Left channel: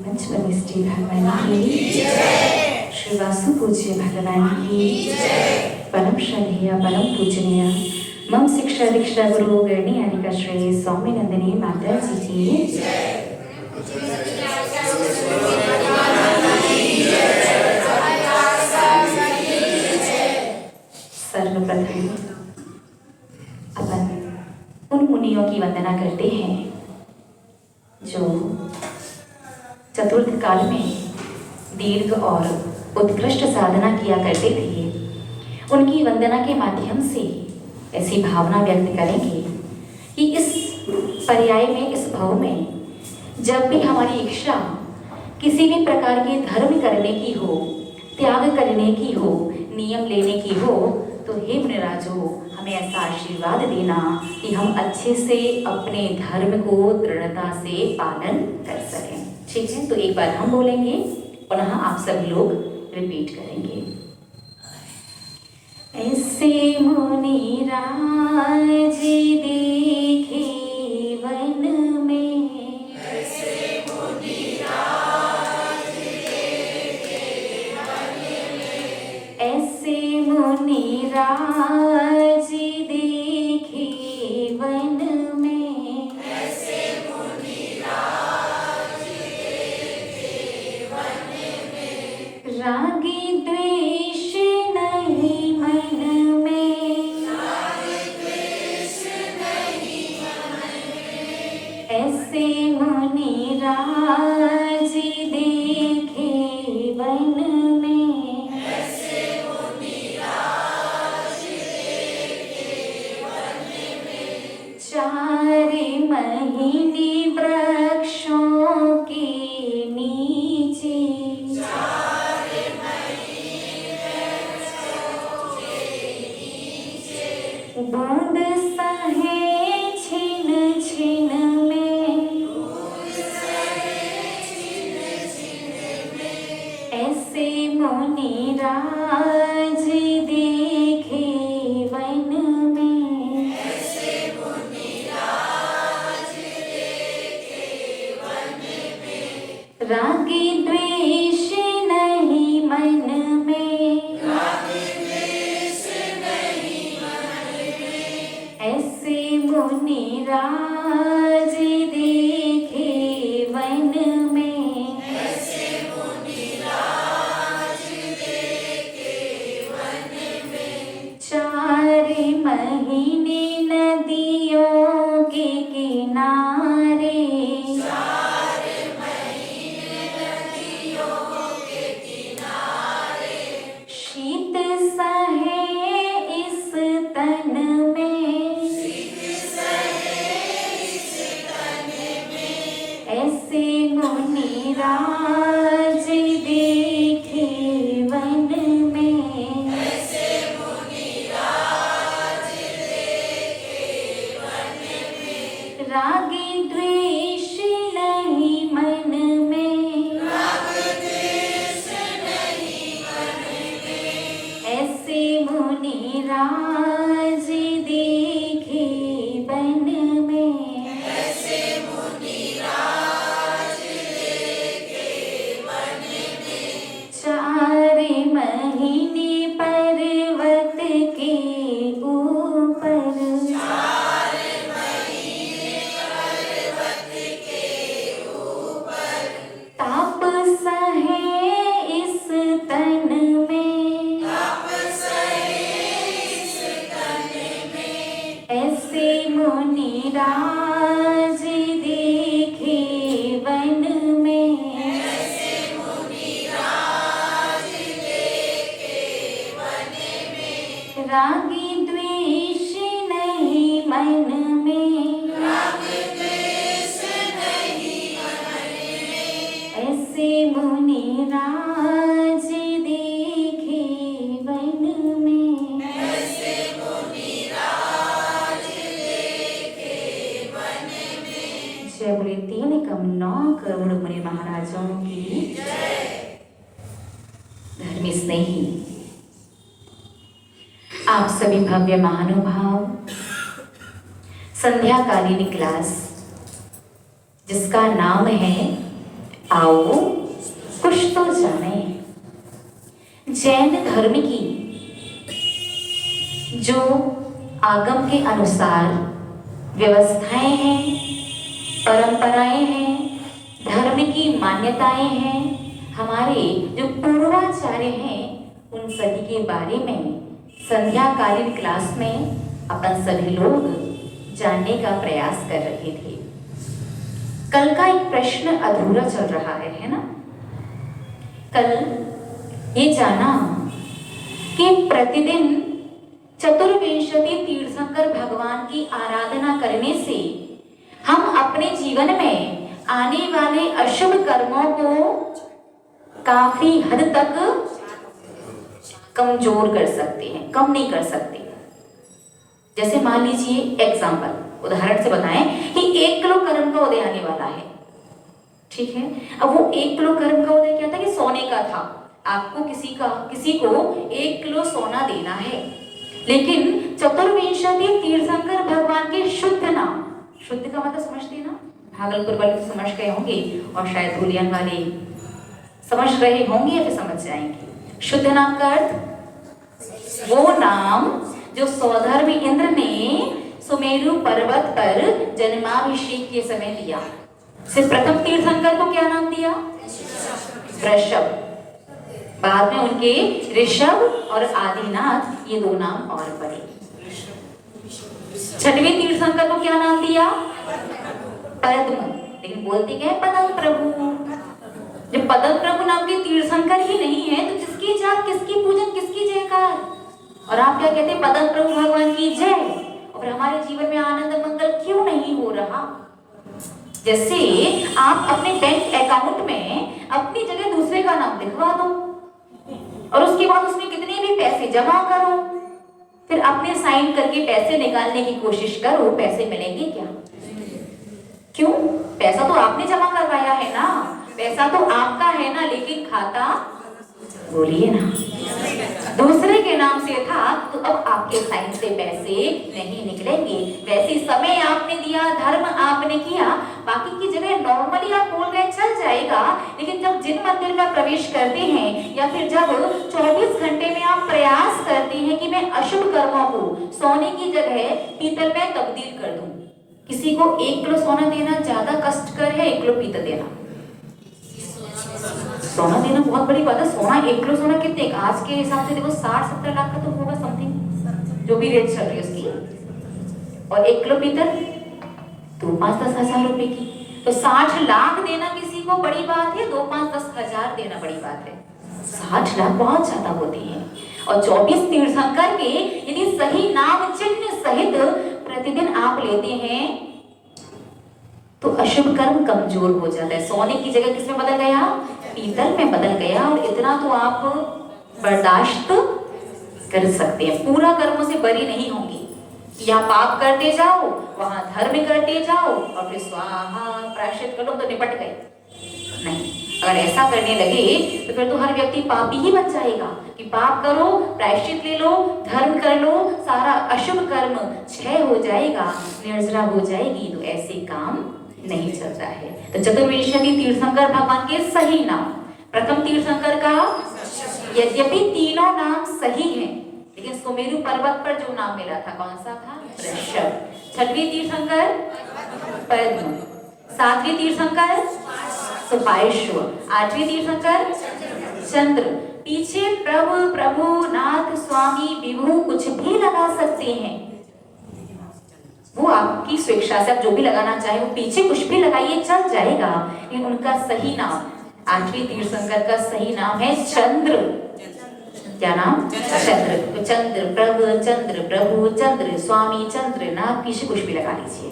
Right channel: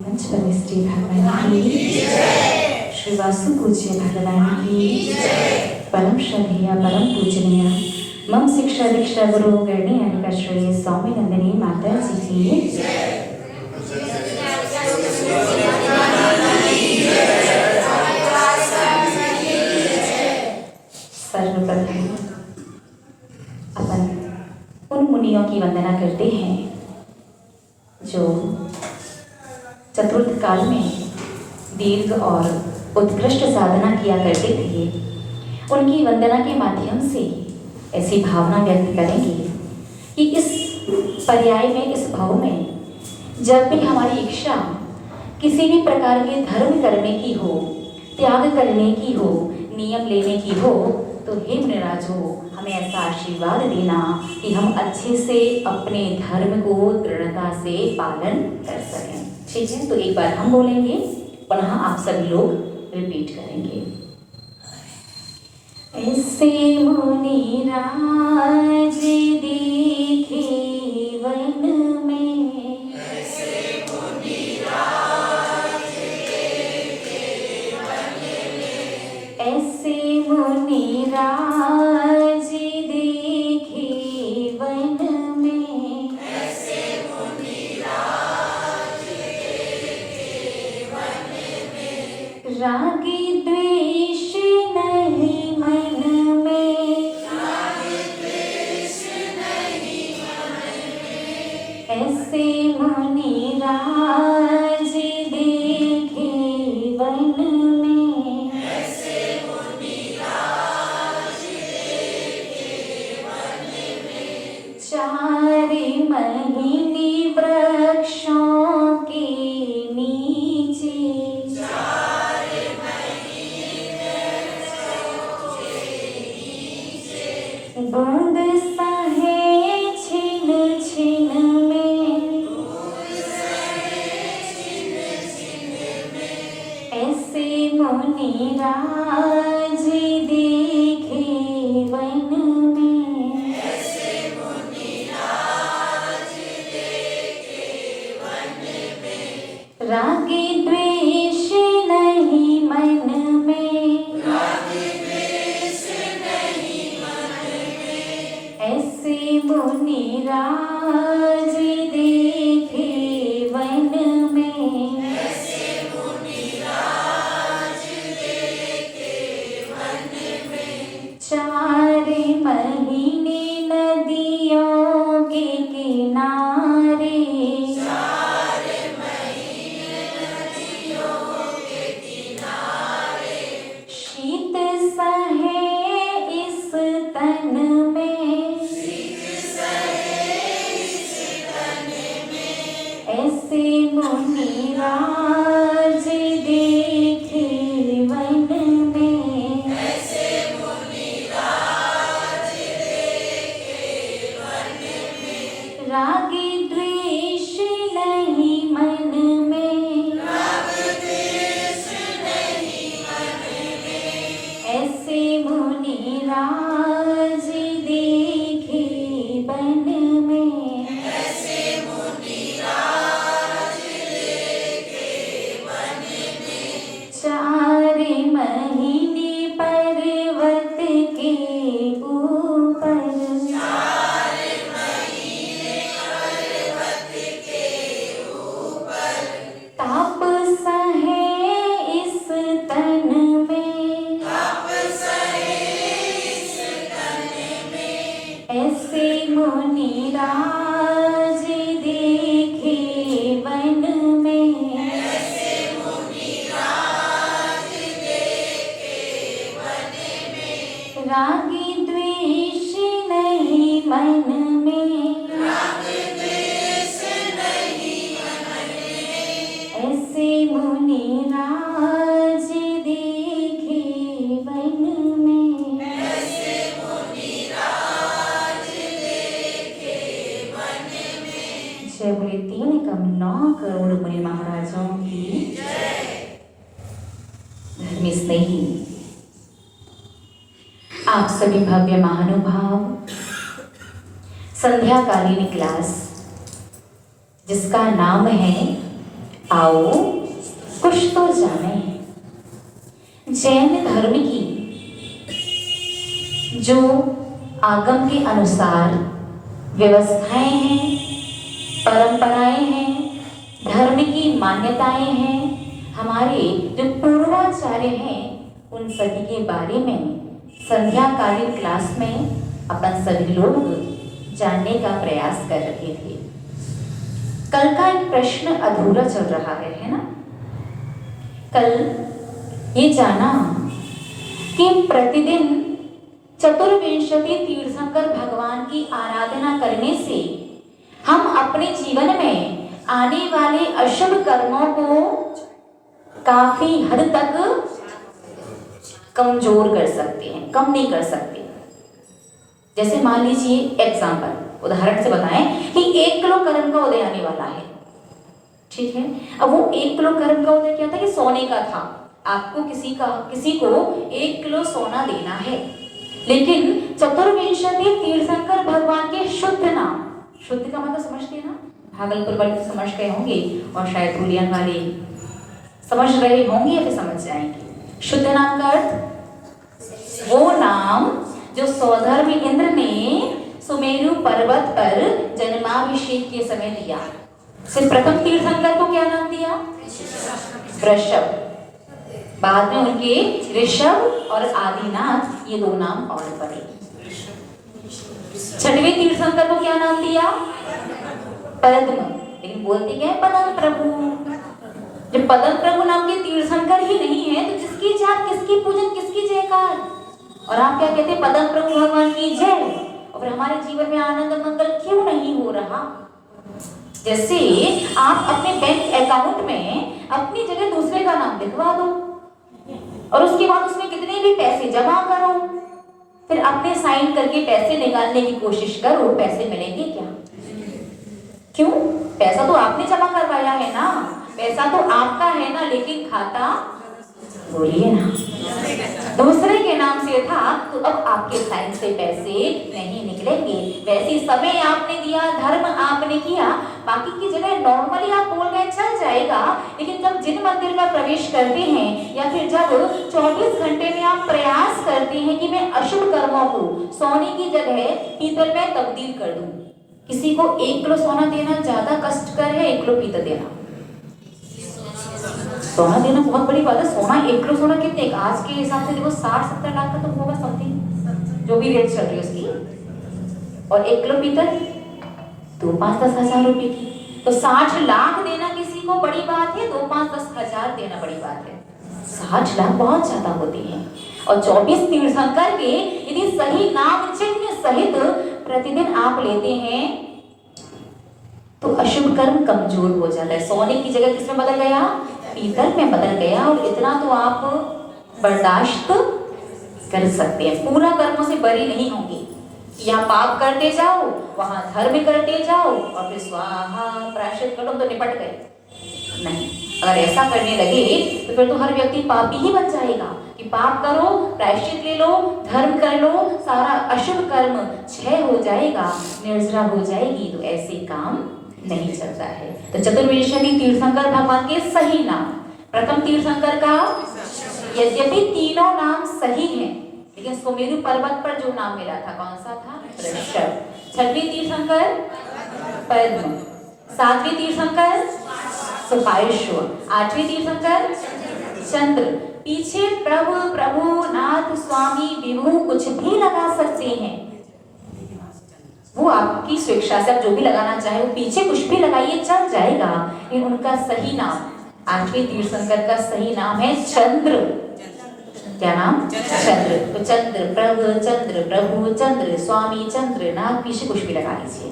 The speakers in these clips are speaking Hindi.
पंचपरमेष्ठी भगवान की श्री वासु पूज्य भगवान की परम श्रद्धेय परम पूजनीय मम शिक्षा दीक्षा गुरु गणी अनिका श्रेय स्वामी नंदिनी माता जी की सर्वप्रथम अपन उन मुनियों की वंदना करते हैं जो चतुर्थ काल में दीर्घ और उत्कृष्ट साधना किया करते थे। उनकी वंदना के माध्यम से ऐसी भावना व्यक्त करेंगे कि इस पर्याय में, इस भाव में जब भी हमारी इच्छा किसी भी प्रकार के धर्म करने की हो, त्याग करने की हो, नियम लेने की हो, तो हे मुनिराजो हमें ऐसा आशीर्वाद देना कि हम अच्छे से अपने धर्म को दृढ़ता से पालन कर सकें। ठीक है, तो एक बार हम बोलेंगे, पुनः आप सभी लोग रिपीट करेंगे। ऐसे मुनिराज देखे वन में, ऐसे मुनिराज देखे वन में, ऐसे मुनिराज देखे वन में, ऐसे मुनिराज देखे वन में, रागी द्वेष नहीं मन में, राग द्वेष नहीं मन में, ऐसे मुनिराज देखे वन में, ऐसे मुनिराज देखे वन में, 4 महीने वृक्षों के नीचे, 4 महीने वृक्षों के नीचे, बूंद सहे छिन छिन में, दूध सहे छिन छिन में, ऐसे मुनिराज देखे वन में, ऐसे मुनिराज देखे वन में, रागी द्वेष नहीं मन में, राग द्वेष नहीं मन में, ऐसे मुनिराज देखे वन में, ऐसे मुनिराज देखे वन में, 4 महीने नदियों के किनारे, 4 महीने नदियों के किनारे, शीत सहे इस तन में, शीत सहे इस तन में, ऐसे मुनिराज देखे वन में, ऐसे मुनिराज देखे वन में, रागी द्वेष नहीं मन में, राग द्वेष नहीं मन में, ऐसे मुनिराज देखे वन में, ऐसे मुनिराज देखे वन में, 4 महीने पर्वत के ऊपर, 4 महीने पर्वत के ऊपर, ताप सहे इस तन में, ताप सहे इस तन में, ऐसे मुनिराज देखे वन में, ऐसे मुनिराज देखे वन में, रागी द्वेष नहीं मन में, राग द्वेष नहीं मन में, ऐसे मुनिराज देखे वन में, ऐसे मुनिराज देखे वन में, जय बोले 3,9 करोड़ मुनि महाराजों की जय। धर्मी स्नेही आप सभी भव्य महानुभाव, संध्याकालीन क्लास जिसका नाम है आओ कुछ तो जाने जैन धर्म की जो आगम के अनुसार व्यवस्थाएं हैं, परंपराएं हैं, धर्म की मान्यताएं हैं, हमारे जो पूर्वाचार्य हैं, उन सभी के बारे में संध्याकालीन क्लास में अपन सभी लोग जानने का प्रयास कर रहे थे। कल का एक प्रश्न अधूरा चल रहा है ना? कल ये जाना कि प्रतिदिन चतुर्विंशति तीर्थंकर भगवान की आराधना करने से हम अपने जीवन में आने वाले अशुभ कर्मों को काफी हद तक कमजोर कर सकते हैं, कम नहीं कर सकते। जैसे मान लीजिए एग्जाम्पल, उदाहरण से बताएं कि 1 किलो कर्म का उदय आने वाला है, ठीक है। अब वो 1 किलो कर्म का उदय क्या था कि सोने का था। आपको किसी को 1 किलो सोना देना है, लेकिन चतुर्विंशति तीर्थंकर भगवान के शुद्ध नाम, शुद्ध का मतलब समझते हैं ना, भागलपुर वाले समझ गए होंगे और शायद धुलियन वाले समझ रहे होंगे या फिर समझ जाएंगे। शुद्ध नाम का अर्थ वो नाम जो सौधर्म इंद्र ने सुमेरु पर्वत पर जन्माभिषेक के समय दिया। सिर्फ प्रथम तीर्थंकर को क्या नाम दिया? ऋषभ। बाद में उनके ऋषभ और आदिनाथ ये 2 नाम और पड़े। छठवें तीर्थंकर को क्या नाम दिया? पद्म। लेकिन बोलते क्या है? पदम प्रभु। जब पदम प्रभु नाम के तीर्थंकर ही नहीं है तो किसकी जाप, किसकी पूजन, किसकी जयकार? और आप क्या कहते हैं? पदम प्रभु भगवान की जय। और हमारे जीवन में आनंद मंगल क्यों नहीं हो रहा? जैसे आप अपने बैंक अकाउंट में अपनी जगह दूसरे का नाम लिखवा दो और उसके बाद उसमें कितने भी पैसे जमा करो, फिर अपने साइन करके पैसे निकालने की कोशिश करो, पैसे मिलेंगे क्या? क्यों? पैसा तो आपने जमा करवाया है ना, पैसा तो आपका है ना, लेकिन खाता बोलिए ना दूसरे के नाम से था, तो अब आपके साइन से पैसे नहीं निकलेंगे। वैसे समय आपने दिया, धर्म आपने किया, बाकी की जगह नॉर्मली आप बोल रहे चल जाएगा, लेकिन जब जिन मंदिर में प्रवेश करते हैं या फिर जब 24 घंटे में आप प्रयास करते हैं कि मैं अशुभ कर्मों को सोने की जगह पीतल में तब्दील कर दूं। किसी को 1 किलो सोना देना ज्यादा कष्टकर है 1 किलो पीतल देना? सोना देना बहुत बड़ी बात है। सोना 1 किलो सोना कितने, आज के हिसाब से देखो 60-70 लाख का तो होगा समथिंग, जो भी रेट चल रही है उसकी। और 1 किलो पीतल तो 5-10 हजार रुपए की, तो 60 लाख देना किसी को बड़ी बात है, 2-5-10 हजार देना बड़ी बात है। 60 लाख बहुत ज्यादा होती है। और 24 तीर्थंकर के यदि सही नाम चिन्ह सहित प्रतिदिन आप लेते हैं तो अशुभ कर्म कमजोर हो जाता है। सोने की जगह किस में बदल गया? पीतल में बदल गया। और इतना तो आप बर्दाश्त कर सकते हैं, पूरा कर्मों से बरी नहीं होंगी। यहाँ पाप करते जाओ, वहां धर्म करते जाओ और फिर स्वाहा प्रायश्चित करो तो निपट गए। नहीं, और ऐसा करने लगे तो फिर तो हर व्यक्ति पापी ही बन जाएगा कि पाप करो, प्रायश्चित ले लो, धर्म कर लो, सारा अशुभ कर्म क्षय हो जाएगा, निर्जरा हो जाएगी। तो ऐसे काम नहीं चलता है। तो चतुर्विंशति तीर्थंकर भगवान के सही नाम, प्रथम तीर्थंकर का यद्यपि तीनों नाम सही हैं, लेकिन सुमेरु पर्वत पर जो नाम मिला था कौन सा था? ऋषभ। छठवें तीर्थंकर पद्म, सातवें तीर्थंकर सुपार्श्व, आठवें तीर्थंकर चंद्र। पीछे प्रभु, प्रभु, नाथ, स्वामी, विभु कुछ भी लगा सकते हैं, वो आपकी स्वेच्छा से आप जो भी लगाना चाहे, वो पीछे कुछ भी लगाइए चल जाएगा। लेकिन उनका सही नाम, आठवें तीर्थंकर का सही नाम है चंद्र। क्या नाम? चंद्र। तो चंद्र प्रभु चंद्र स्वामी चंद्र नाथ, पीछे कुछ भी लगा लीजिए।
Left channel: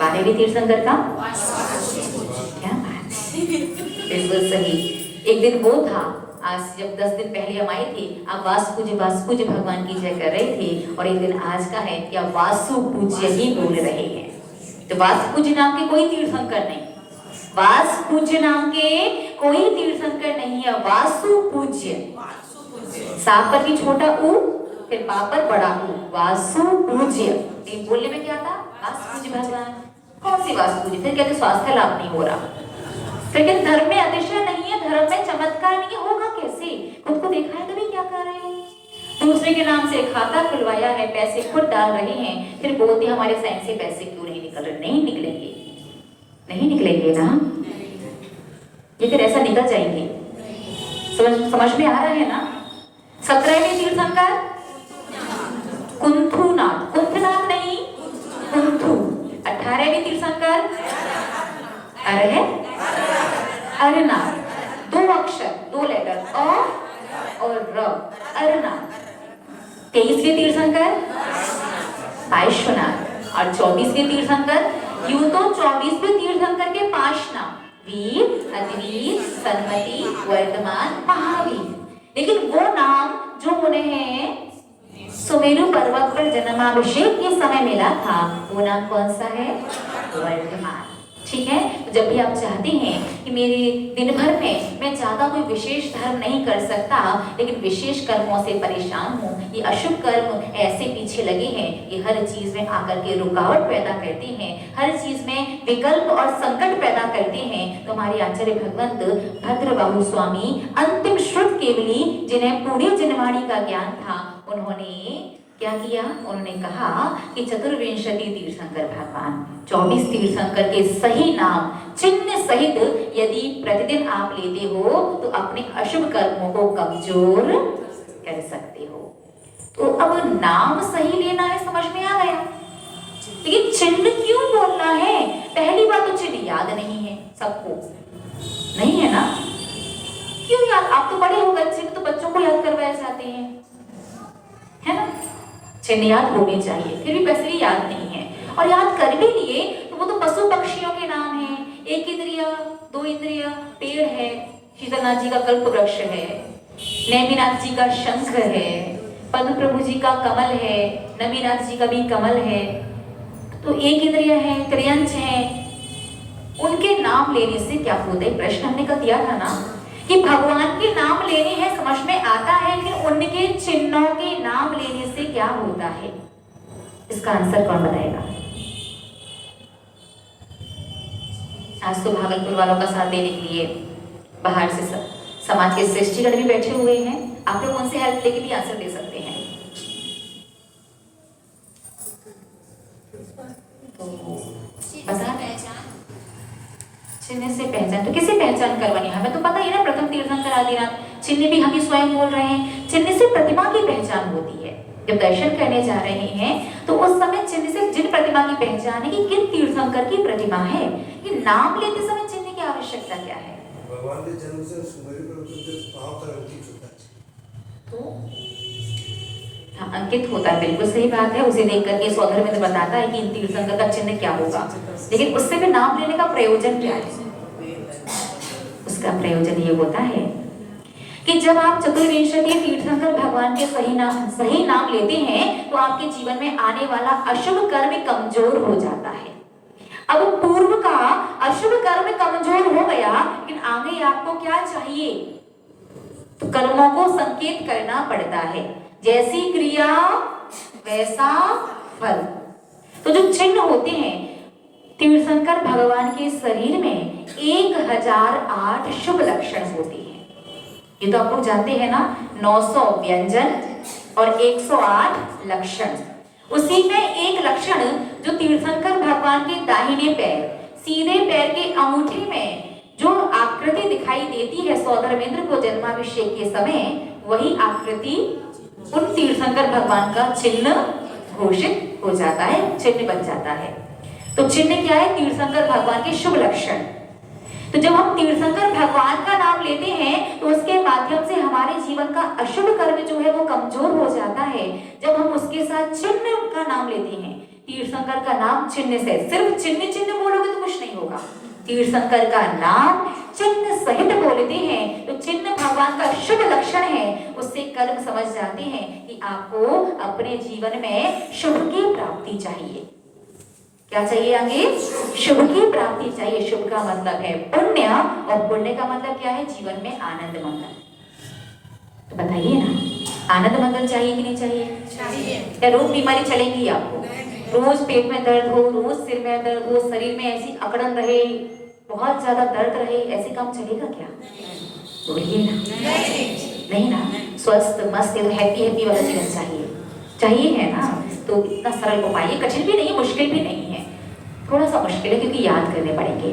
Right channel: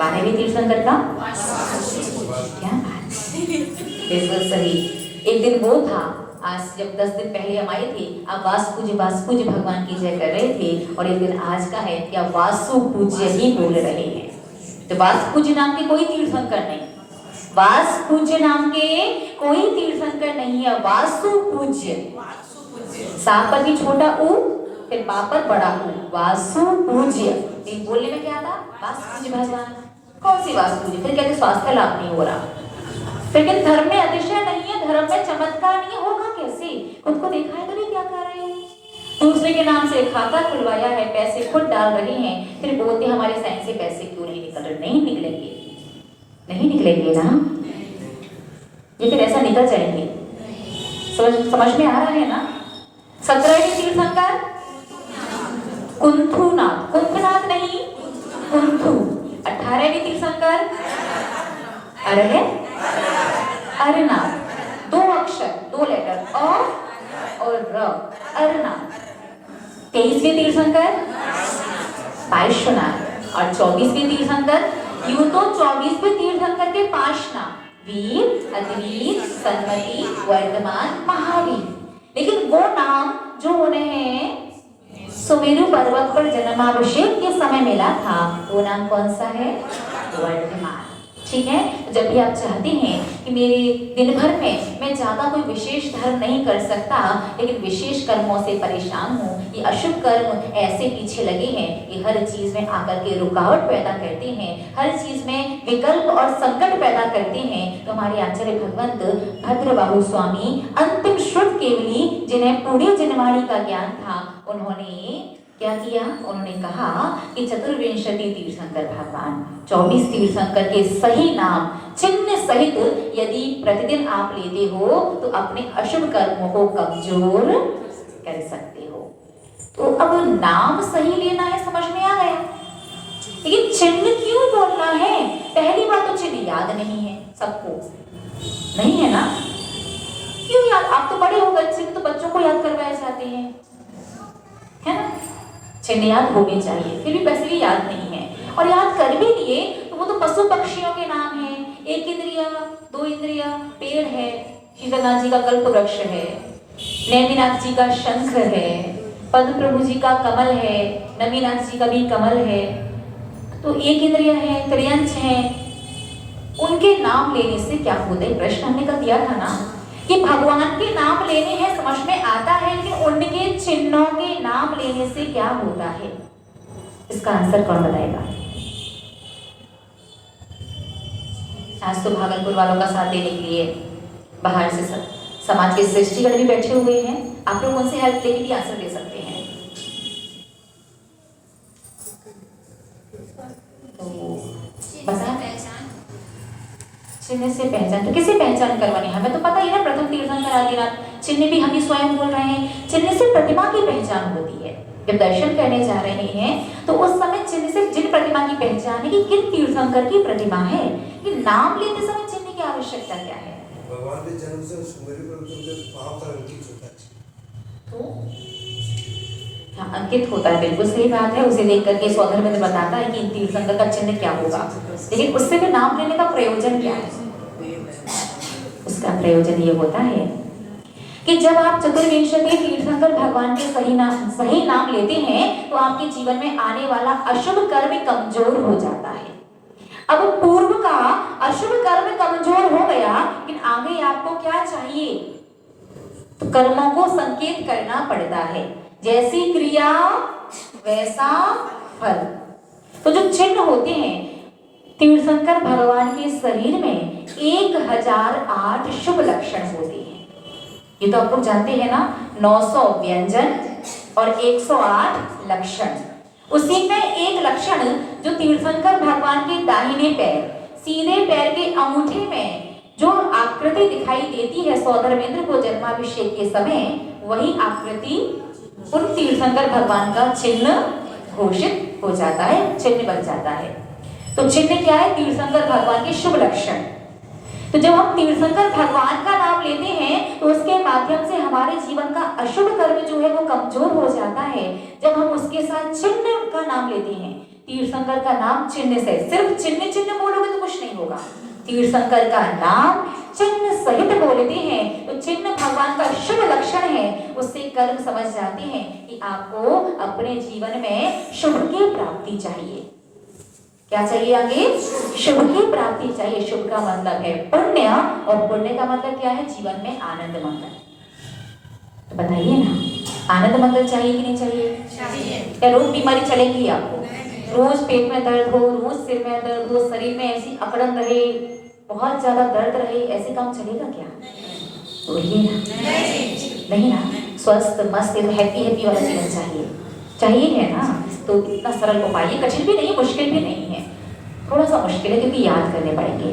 12वें तीर्थंकर का क्या बात, बिल्कुल सही। एक दिन वो था, आज जब 10 दिन पहले हम आए थे, आप वासु पूज्य भगवान की जय कर रहे थे, और एक दिन आज का है कि आप वासु पूज्य ही बोल रहे हैं। तो वासु पूज्य नाम के कोई तीर्थंकर नहीं, वासु पूज्य नाम के कोई तीर्थंकर नहीं है। वासु पूज्य, सा पर भी छोटा ऊ, फिर पा पर बड़ा ऊ, वासु पूज्य। एक बोलने में क्या था? वासु पूज्य भगवान। कौन सी वासु पूज्य? फिर कहते स्वास्थ्य लाभ नहीं हो रहा, लेकिन धर्म में अतिशय नहीं है, धर्म में चमत्कार नहीं है, होगा कैसे? खुद को देखा है कभी क्या कर रहे हैं? दूसरे के नाम से खाता खुलवाया है, पैसे खुद डाल रहे हैं, फिर बोलते हमारे साइन से पैसे क्यों नहीं निकल रहे? नहीं निकलेंगे, नहीं निकलेंगे ना, ये फिर ऐसा निकल जाएंगे। समझ में आ रहा है ना? 17वें तीर्थंकर कुंथुनाथ, कुंथनाथ नहीं कुंथु। 18वें तीर्थंकर अरनाथ, 2 अक्षर 2 लेटर और र, अरनाथ। 23वें तीर्थंकर पार्श्वनाथ और 24वें तीर्थंकर, यूं तो 24वें तीर्थंकर के 5 नाम वीर, अतिवीर, सन्मति, वर्तमान, महावीर, लेकिन वो नाम जो उन्हें सुमेरु पर्वत पर जन्माभिषेक के समय मिला था, वो नाम कौन सा है? वर्तमान। ठीक है, जब भी आप चाहते हैं कि मेरे दिन भर में मैं ज्यादा कोई विशेष धर्म नहीं कर सकता, लेकिन विशेष कर्मों से परेशान हूँ, ये अशुभ कर्म ऐसे पीछे लगे हैं, ये हर चीज में आकर के रुकावट पैदा करते हैं, हर चीज में विकल्प और संकट पैदा करते हैं, तो हमारे आचार्य भगवंत भद्रबाहु स्वामी अंतिम श्रुत केवली, जिन्हें पूरी जनवाणी का ज्ञान था, उन्होंने क्या किया? उन्होंने कहा कि चतुर्विंशति तीर्थंकर भगवान 24 तीर्थंकर के सही नाम चिन्ह सहित यदि प्रतिदिन आप लेते हो तो अपने अशुभ कर्मों को कमजोर कर सकते हो। तो अब नाम सही लेना है, समझ में आ गया, लेकिन चिन्ह क्यों बोलना है? पहली बात तो चिन्ह याद नहीं है सबको, नहीं है ना? क्यों याद? आप तो बड़े होकर चिन्ह तो बच्चों को याद करवाए जाते हैं, है ना? चिन्ह याद होने चाहिए, फिर भी वैसे भी याद नहीं है, और याद कर भी लिए तो वो तो पशु पक्षियों के नाम हैं, 1 इंद्रिय 2 इंद्रिय, पेड़ है, शीतलनाथ जी का कल्प वृक्ष है, नेमिनाथ जी का शंख है, पद्म प्रभु जी का कमल है, नमीनाथ जी का भी कमल है, तो 1 इंद्रिय है, त्रियंच है, उनके नाम लेने से क्या होता है? प्रश्न हमने कल दिया था ना कि भगवान के नाम लेने हैं, समझ में आता है, लेकिन उनके चिन्हों के नाम लेने से क्या होता है? इसका आंसर कौन बताएगा? आज तो भागलपुर वालों का साथ देने के लिए बाहर से समाज के श्रेष्ठीगण भी बैठे हुए हैं, आप लोग उनसे हेल्प लेके भी आंसर दे सकते हैं। चिन्ह से पहचान, तो किसे पहचान करवानी? हमें तो पता ही ना, प्रथम तीर्थंकर आदिनाथ, चिन्ह भी हम ही स्वयं बोल रहे हैं। चिन्ह से प्रतिमा की पहचान होती है। जब दर्शन करने जा रहे हैं तो उस समय चिन्ह से जिन प्रतिमा की पहचान है कि किन तीर्थंकर की प्रतिमा है, कि नाम लेते समय चिन्ह की आवश्यकता क्या है? भगवान के जन्म से सुमेरु पर्वत के वहां पर अंकित होता है, तो अंकित होता है, बिल्कुल सही बात है। उसे देख करके स्वधर्म में बताता है कि इन तीर्थंकर का चिन्ह क्या होगा, लेकिन उससे भी नाम लेने का प्रयोजन क्या है? उसका प्रयोजन ये होता है कि जब आप चतुर्विंशति तीर्थंकर भगवान के सही नाम लेते हैं तो आपके जीवन में आने वाला अशुभ कर्म कमजोर हो जाता है। अब पूर्व का अशुभ कर्म कमजोर हो गया, लेकिन आगे आपको क्या चाहिए? तो कर्मों को संकेत करना पड़ता है, जैसी क्रिया वैसा फल। तो जो चिन्ह होते हैं तीर्थंकर भगवान के शरीर में 1008 शुभ लक्षण होते हैं। ये तो आप लोग जानते हैं ना, 900 व्यंजन और 108 लक्षण। उसी में एक लक्षण जो तीर्थंकर भगवान के दाहिने पैर, सीधे पैर के अंगूठे में जो आकृति दिखाई देती है स्वधर्मेंद्र को जन्माभिषेक के समय, वही आकृति उन तीर्थंकर भगवान का चिन्ह घोषित हो जाता है, चिन्ह बन जाता है। तो चिन्ह क्या है? तीर्थंकर भगवान के शुभ लक्षण। तो जब हम तीर्थंकर भगवान का नाम लेते हैं तो उसके माध्यम से हमारे जीवन का अशुभ कर्म जो है वो कमजोर हो जाता है। जब हम उसके साथ चिन्ह का नाम लेते हैं, तीर्थंकर का नाम चिन्ह से, सिर्फ चिन्ह चिन्ह बोलोगे तो कुछ नहीं होगा। तीर्थंकर का नाम चिन्ह सहित बोलते हैं तो चिन्ह भगवान का शुभ लक्षण है, उससे कर्म समझ जाते हैं कि आपको अपने जीवन में शुभ की प्राप्ति चाहिए। क्या चाहिए? आगे शुभ की प्राप्ति चाहिए। शुभ का मतलब है पुण्य, और पुण्य का मतलब क्या है? जीवन में आनंद मंगल। तो बताइए ना, आनंद मंगल चाहिए कि नहीं चाहिए? या रोग बीमारी चलेगी आपको? रोज पेट में दर्द हो, रोज सिर में दर्द हो, शरीर में ऐसी अकड़न रहे, बहुत ज्यादा दर्द रहे, ऐसे काम चलेगा क्या? बोलिए ना। नहीं ना, स्वस्थ मस्त हैप्पी हैप्पी वाला जीवन चाहिए, चाहिए है ना। तो इतना सरल उपाय, ये कठिन भी नहीं है, मुश्किल भी नहीं है, थोड़ा सा मुश्किल है क्योंकि याद करने पड़ेंगे।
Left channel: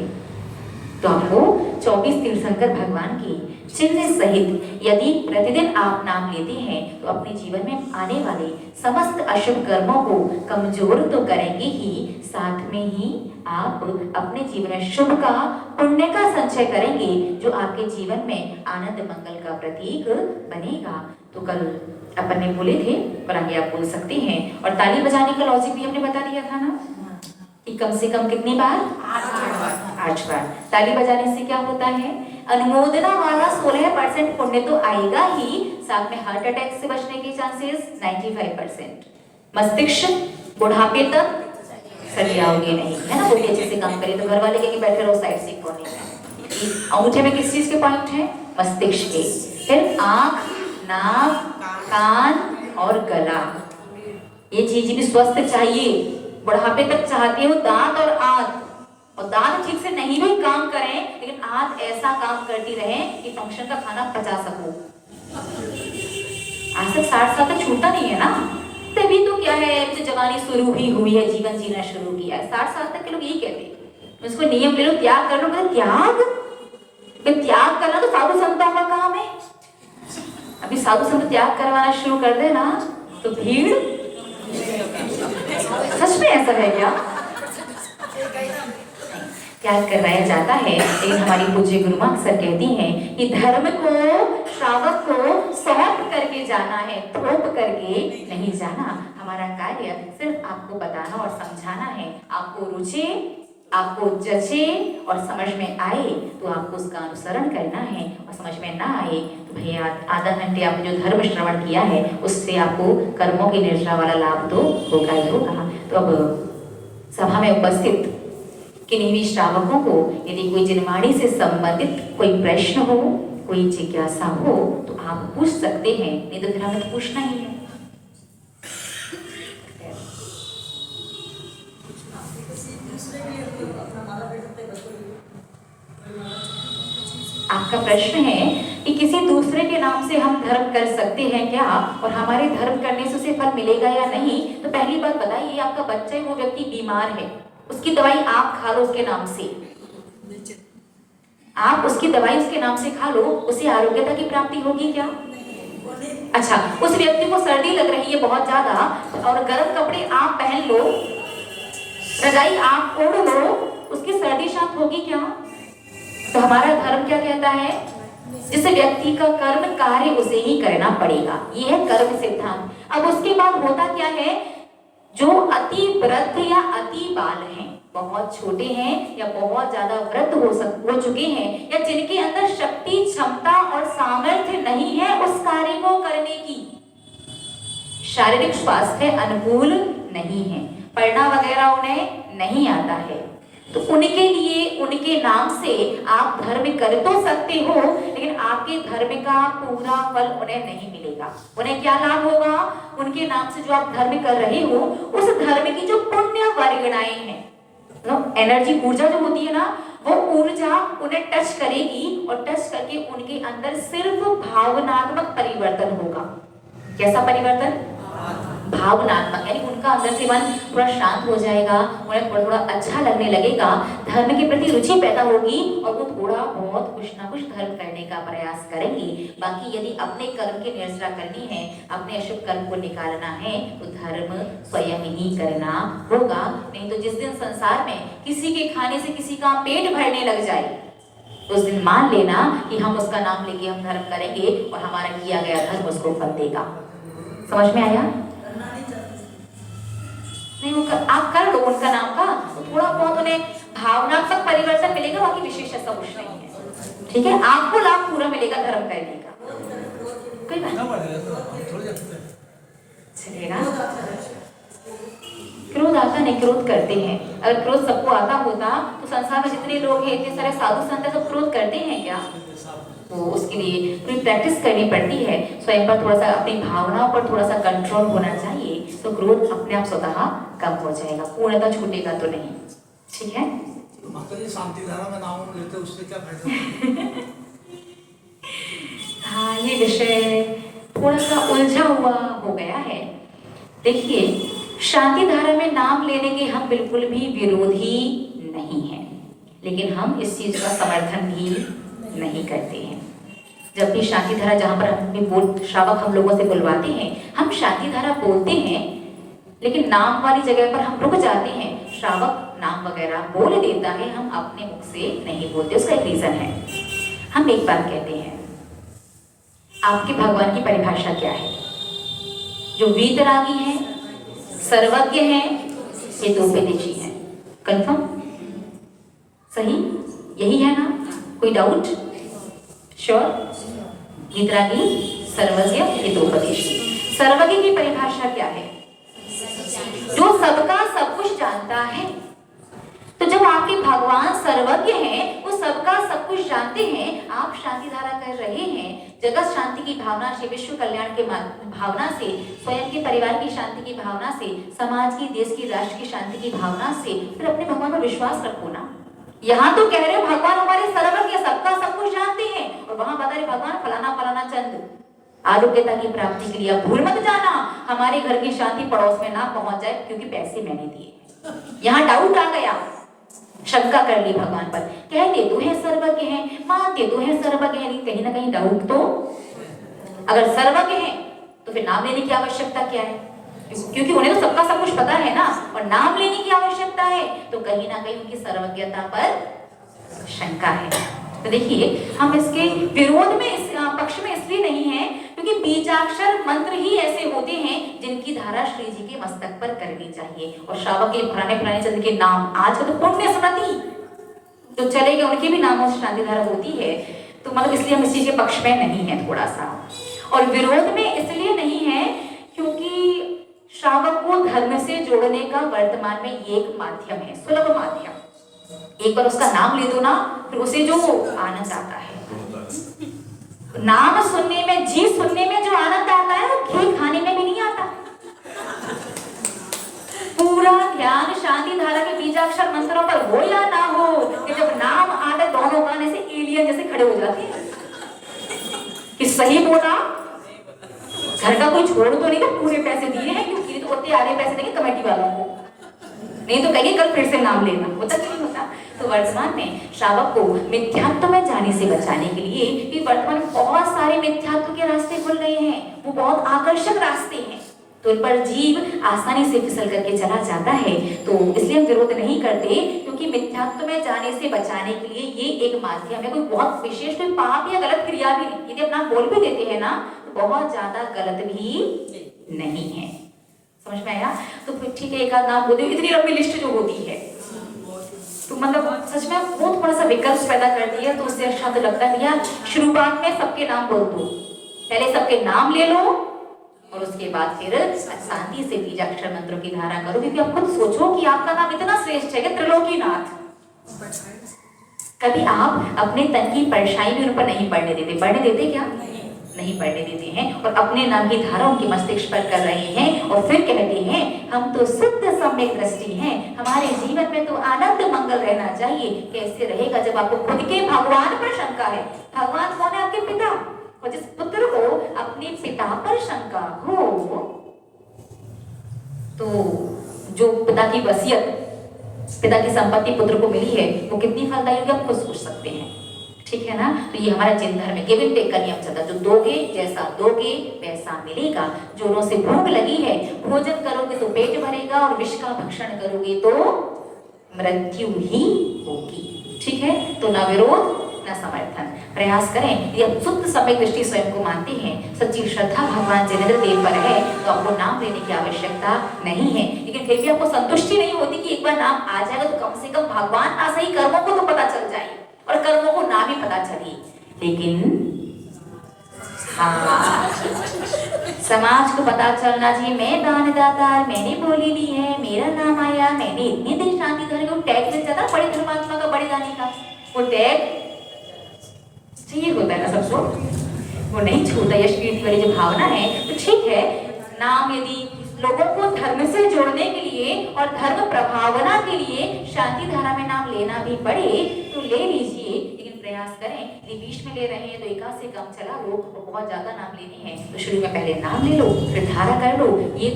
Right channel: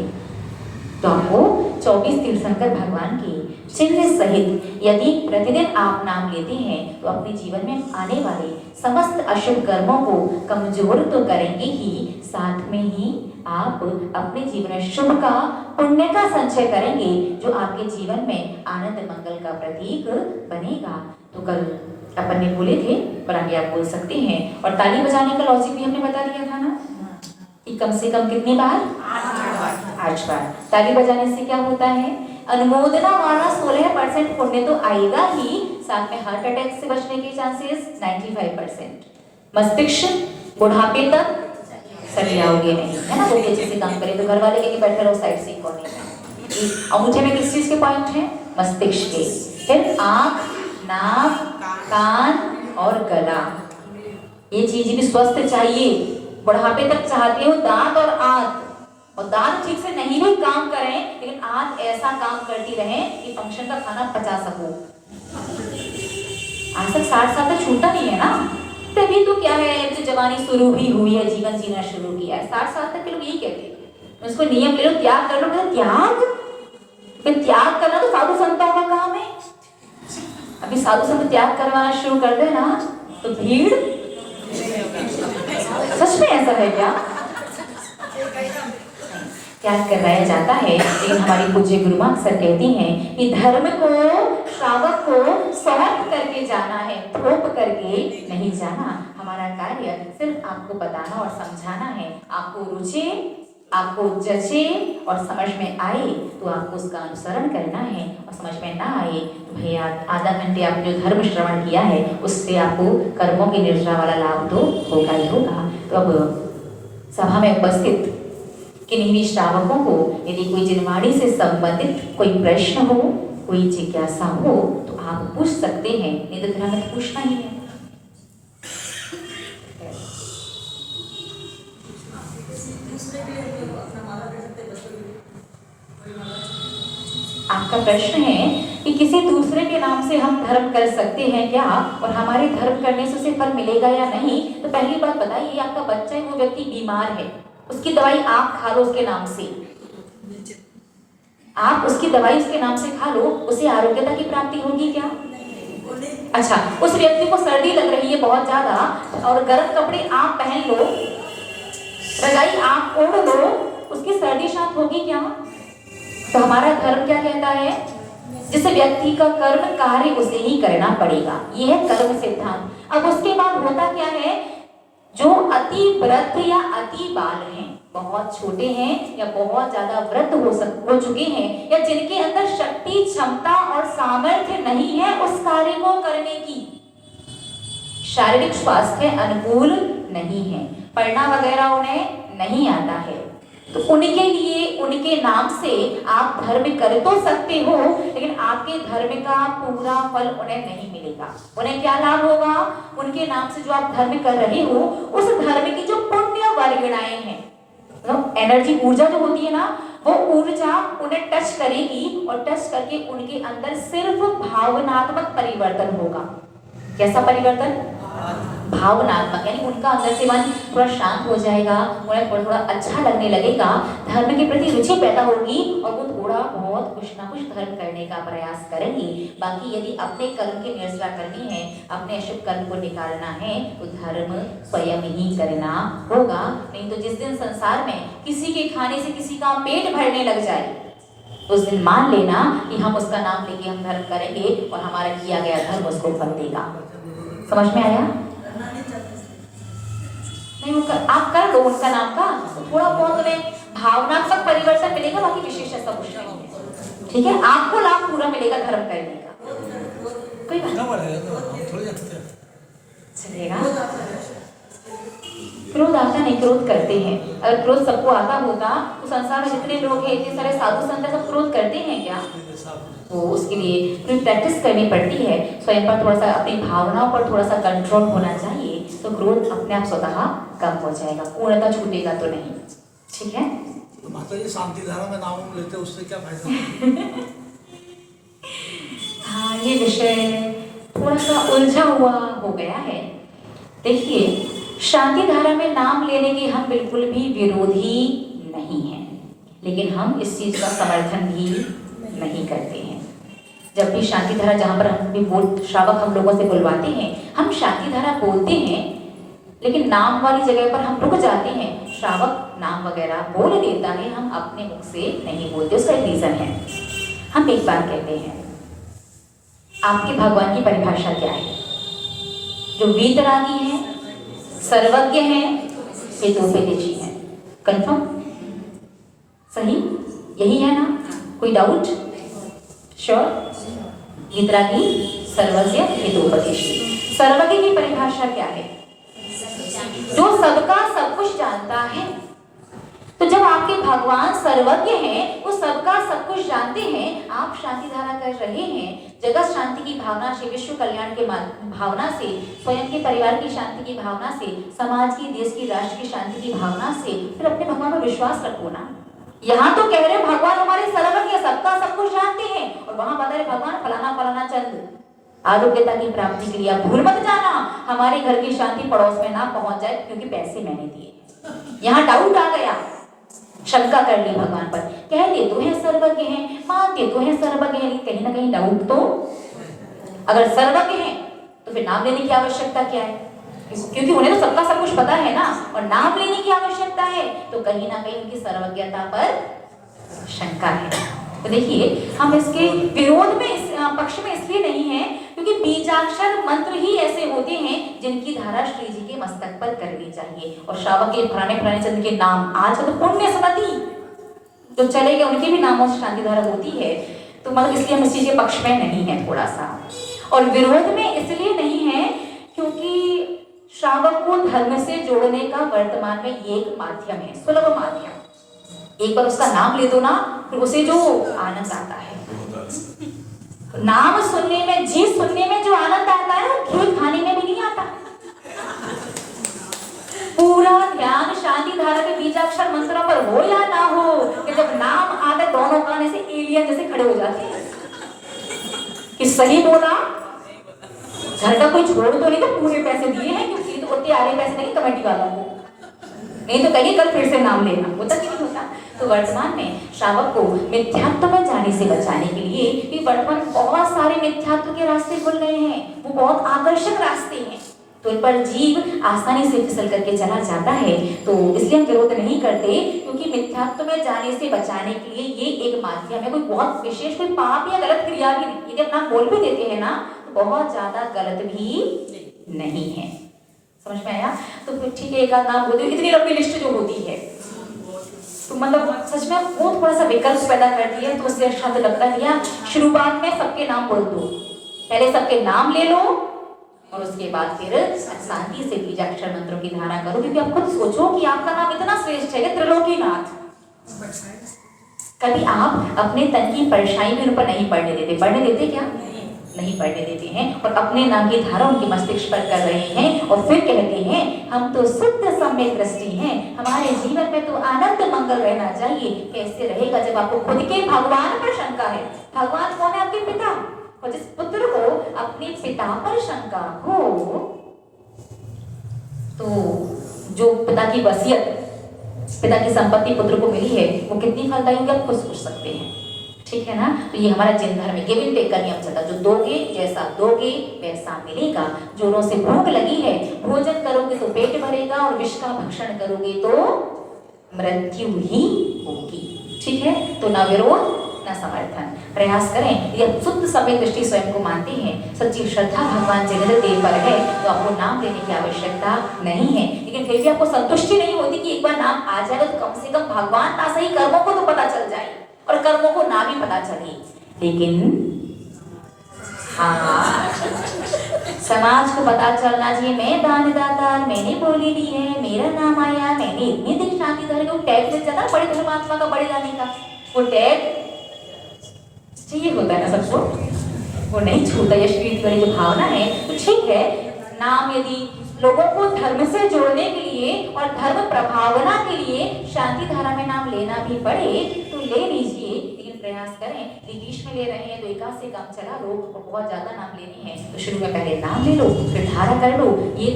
तो आपको 24 तीर्थंकर भगवान की चिन्ह सहित यदि प्रतिदिन आप नाम लेते हैं तो अपने जीवन में आने वाले समस्त अशुभ कर्मों को कमजोर तो करेंगे ही, साथ में ही आप अपने जीवन में शुभ का, पुण्य का संचय करेंगे, जो आपके जीवन में आनंद मंगल का प्रतीक बनेगा। तो कल अपन ने बोले थे, पर आगे आप बोल सकते हैं। और ताली बजाने का लॉजिक भी हमने बता दिया था ना कि कम से कम कितनी बार? 8 बार। ताली बजाने से क्या होता है? अनुमोदना वाला 16% पुण्य तो आएगा ही, साथ में हार्ट अटैक से बचने के चांसेस 95%। मस्तिष्क बुढ़ापे तक सही आओगे नहीं, है ना। जो अच्छे से काम करे तो घर वाले के बैठे रहो साइड से कोने में। अंगूठे में किस चीज के पॉइंट है? मस्तिष्क के। फिर आंख, नाक, कान और गला, ये चीज भी स्वस्थ चाहिए। बुढ़ापे तक चाहती हो दांत और आंत, और दांत ठीक से नहीं भी काम करें लेकिन आंत ऐसा काम करती रहे कि फंक्शन का खाना पचा सको। आज तक 60 साल तक छूटा नहीं है ना, तभी तो क्या है, जो जवानी शुरू ही हुई है, जीवन जीना शुरू किया है। 60 साल तक के लोग यही कहते हैं, उसको नियम ले लो, त्याग कर लो। त्याग करना तो साधु संतों का काम है। अभी साधु संत त्याग करवाना शुरू कर दे ना तो भीड़, सच में ऐसा है क्या? त्याग करवाया जाता है, लेकिन हमारी पूज्य गुरु मां अक्सर कहती हैं कि धर्म को, श्रावक को सौंप करके जाना है, थोप करके नहीं जाना। हमारा कार्य सिर्फ आपको बताना और समझाना है। आपको रुचे, आपको जचे और समझ में आए तो आपको उसका अनुसरण करना है, और समझ में ना आए तो भैया आधा घंटे आपने जो धर्म श्रवण किया है उससे आपको कर्मों की निर्जरा वाला लाभ तो होगा ही होगा। तो अब सभा में उपस्थित किन्हीं भी श्रावकों को यदि कोई जिनवाणी से संबंधित कोई प्रश्न हो, कोई जिज्ञासा हो तो आप पूछ सकते हैं, नहीं तो फिर हमें पूछना ही है। आपका प्रश्न है कि किसी दूसरे के नाम से हम धर्म कर सकते हैं क्या, और हमारे धर्म करने से उसे फल मिलेगा या नहीं। तो पहली बात बताइए, आपका बच्चा है, वो व्यक्ति बीमार है, उसकी दवाई आप खा लो उसके नाम से, आप उसकी दवाई उसके नाम से खा लो, उसे आरोग्यता की प्राप्ति होगी क्या? अच्छा, उस व्यक्ति को सर्दी लग रही है बहुत ज्यादा और गर्म कपड़े आप पहन लो, रजाई आप ओढ़ लो, उसकी सर्दी शांत होगी क्या? तो हमारा धर्म क्या कहता है? जिस व्यक्ति का कर्म कार्य उसे ही करना पड़ेगा, ये है कर्म सिद्धांत। अब उसके बाद होता क्या है, जो अति वृद्ध या अति बाल हैं, बहुत छोटे हैं या बहुत ज्यादा वृद्ध हो चुके हैं, या जिनके अंदर शक्ति, क्षमता और सामर्थ्य नहीं है उस कार्य को करने की, शारीरिक स्वास्थ्य अनुकूल नहीं है, पढ़ना वगैरह उन्हें नहीं आता है, तो उनके लिए उनके नाम से आप धर्म कर तो सकते हो, लेकिन आपके धर्म का पूरा फल उन्हें नहीं मिलेगा। उन्हें क्या लाभ होगा? उनके नाम से जो आप धर्म कर रहे हो उस धर्म की जो पुण्य वर्गणाएं हैं, एनर्जी, ऊर्जा जो होती है ना, वो ऊर्जा उन्हें टच करेगी, और टच करके उनके अंदर सिर्फ भावनात्मक परिवर्तन होगा। कैसा परिवर्तन? भावनात्मक, यानी उनका अंदर से मन थोड़ा शांत हो जाएगा, उन्हें थोड़ा अच्छा लगने लगेगा, धर्म के प्रति रुचि पैदा होगी, और वो थोड़ा बहुत कुछ ना कुछ धर्म करने का प्रयास करेंगे। बाकी यदि अपने कर्म की निरसरा करनी है, अपने अशुभ कर्म को निकालना है, तो धर्म स्वयं ही करना होगा। नहीं तो जिस दिन संसार में किसी के खाने से किसी का पेट भरने लग जाए, उस दिन मान लेना कि हम उसका नाम लेके हम धर्म करेंगे और हमारा किया गया धर्म उसको फल देगा। समझ में आया? नहीं, आप कर लो उनका नाम का, तो थोड़ा बहुत उन्हें भावनात्मक परिवर्तन मिलेगा, बाकी विशेष ऐसा कुछ नहीं है। ठीक है, आपको लाभ पूरा मिलेगा धर्म करने का, कोई बात चलेगा। क्रोध आता नहीं, क्रोध करते हैं। अगर क्रोध सबको आता होता तो संसार में जितने लोग हैं, इतने सारे साधु संत सब क्रोध करते हैं क्या? वो उसके लिए पूरी प्रैक्टिस करनी पड़ती है, स्वयं पर थोड़ा सा अपनी भावनाओं पर थोड़ा सा कंट्रोल होना चाहिए, तो क्रोध अपने आप स्वतः कम हो जाएगा, पूर्णतः छूटेगा तो नहीं। ठीक है। माता जी शांति धारा में नाम लेते उससे क्या फायदा? हाँ, ये विषय थोड़ा सा उलझा हुआ हो गया है। देखिए, शांति धारा में नाम लेने के हम बिल्कुल भी विरोधी नहीं हैं, लेकिन हम इस चीज का समर्थन भी नहीं करते हैं। जब भी शांति धारा, जहाँ पर हम भी श्रावक हम लोगों से बुलवाते हैं, हम शांति धारा बोलते हैं, लेकिन नाम वाली जगह पर हम रुक जाते हैं। श्रावक नाम वगैरह बोल देता है, हम अपने मुख से नहीं बोलते। उसका एक रीजन है। हम एक बात कहते हैं, आपके भगवान की परिभाषा क्या है? जो वीतरागी है, सर्वज्ञ है, ये दो विदेशी हैं। कंफर्म? सही? यही है ना? कोई डाउट? श्योर? वीतरागी, सर्वज्ञ, ये दो विदेशी। सर्वज्ञ की परिभाषा क्या है? जो सबका सब कुछ जानता है। तो जब आपके भगवान सर्वज्ञ हैं, वो सबका सब कुछ जानते हैं, आप शांति धारा कर रहे हैं, जगत शांति की भावना से, विश्व कल्याण के भावना से, स्वयं के परिवार की शांति की भावना से, समाज की, देश की, राष्ट्र की शांति की भावना से, फिर अपने भगवान पर विश्वास रखो ना। यहाँ तो कह रहे हो भगवान हमारे सर्वज्ञ, सबका सब कुछ जानते हैं, और वहां बता रहे भगवान फलाना फलाना चंद आरोग्यता की प्राप्ति के लिए भूल मत जाना, हमारे घर की शांति पड़ोस में ना पहुंच जाए क्योंकि पैसे मैंने दिए। यहाँ डाउट आ गया, शंका कर ली भगवान पर। कहते तो है सर्वज्ञ हैं, मानते तो है सर्वज्ञ हैं, कहीं ना कहीं डाउट तो। अगर सर्वज्ञ हैं तो फिर नाम लेने की आवश्यकता क्या है? क्योंकि उन्हें तो सबका सब कुछ पता है ना, और नाम लेने की आवश्यकता है, तो कहीं ना कहीं उनकी सर्वज्ञता पर शंका है। तो देखिए, हम इसके विरोध में, इस पक्ष में इसलिए नहीं है क्योंकि बीजाक्षर मंत्र ही ऐसे होते हैं जिनकी धारा श्री जी के मस्तक पर करनी चाहिए। और श्रावक के पुराने चंद के नाम आज तो पुण्य स्मृति जो चले गए, उनके भी नामों से शांति धारा होती है। तो मतलब इसलिए हम इस चीज के पक्ष में नहीं है थोड़ा सा, और विरोध में इसलिए नहीं है क्योंकि श्रावक को धर्म से जोड़ने का वर्तमान में ये एक माध्यम है, सुलभ माध्यम। एक बार उसका नाम ले दो ना, फिर उसे जो आनंद आता है, नाम सुनने में, जी सुनने में जो आनंद आता है, घी खाने में भी नहीं आता। पूरा ध्यान शांति धारा के बीजाक्षर मंत्रों पर हो या ना हो, कि जब नाम आते दोनों कान से एलियन जैसे खड़े हो जाते हैं कि सही बोला, घर का कोई छोड़ तो नहीं, तो पूरे पैसे दिए हैं, क्योंकि तो होते आधे पैसे देंगे कमेटी वालों को, नहीं तो कहिए कल फिर से नाम लेना, होता कि नहीं होता। तो वर्तमान में श्रावक को मिथ्यात्व में जाने से बचाने के लिए भी वर्तमान बहुत सारे मिथ्यात्व के रास्ते खुल गए हैं, वो बहुत आकर्षक रास्ते हैं, तो इन पर जीव आसानी से फिसल करके चला जाता है। तो इसलिए हम विरोध नहीं करते, क्योंकि मिथ्यात्व में जाने से बचाने के लिए ये एक माध्यम है। कोई बहुत विशेष कोई पाप या गलत क्रिया भी नहीं, यदि अपना बोल भी देते हैं ना, तो बहुत ज्यादा गलत भी नहीं है। समझ में आया? तो फिर ठीक है, एक आध नाम बोल दो, इतनी लंबी लिस्ट जो होती है, तो मतलब सच में वो थोड़ा सा विकल्प पैदा कर दिया, तो उससे अच्छा तो लगता है यार शुरुआत में सबके नाम बोल दो, पहले सबके नाम ले लो, और उसके बाद फिर शांति से बीजाक्षर मंत्रों की धारा करो। क्योंकि आप खुद सोचो कि आपका नाम इतना श्रेष्ठ है कि त्रिलोकीनाथ। कभी आप अपने तन की परछाई भी उन पर नहीं पड़ने देते? पढ़ने देते क्या? नहीं पढ़ने देते हैं, और अपने नाम की धारा उनके मस्तिष्क पर कर रहे हैं, और फिर कहते हैं हम तो शुद्ध सम्यक दृष्टि हैं, हमारे जीवन में तो आनंद मंगल रहना चाहिए। कैसे रहेगा जब आपको खुद के भगवान पर शंका है? भगवान कौन है? आपके पिता। और जिस पुत्र को अपने पिता पर शंका हो, तो जो पिता की वसीयत, पिता की संपत्ति पुत्र को मिली है, वो कितनी फलदायी होगी आप खुद सोच सकते हैं। ठीक है ना? तो ये हमारा जिन धर्म में गिव एंड टेक का नियम चलता, जो दोगे, जैसा दोगे वैसा मिलेगा। जोरों से भूख लगी है, भोजन करोगे तो पेट भरेगा, और विष का भक्षण करोगे तो मृत्यु ही होगी। ठीक है? तो ना विरोध ना समर्थन, प्रयास करें। यदि शुद्ध समय दृष्टि स्वयं को मानते हैं, सच्ची श्रद्धा भगवान जिनेंद्र देव पर है, तो आपको नाम लेने की आवश्यकता नहीं है। लेकिन फिर भी आपको संतुष्टि नहीं होती कि एक बार नाम आ जाएगा तो कम से कम भगवान ना सही कर्मों को तो पता चल जाए, और कर्मों को नाम ही पता चले। लेकिन हाँ, समाज को पता चलना चाहिए मैं दानदाता, मैंने बोली ली है, मेरा नाम आया, मैंने इतने दिन शांति धारा के टैग मिल जाता, बड़े धर्मात्मा का, बड़े दानी का, वो टैग चाहिए होता है ना सबको, वो नहीं छूता। यश कीर्ति वाली जो भावना है, तो ठीक है, नाम यदि लोगों को धर्म से जोड़ने के लिए और धर्म प्रभावना के लिए शांति धारा में नाम लेना भी पड़े तो ले लीजिए, लेकिन प्रयास करें। यदि बीच में ले रहे हैं तो एकाध से काम चला लो, बहुत ज्यादा नाम लेनी है तो शुरू में पहले नाम ले लो, फिर धारा कर लो। ये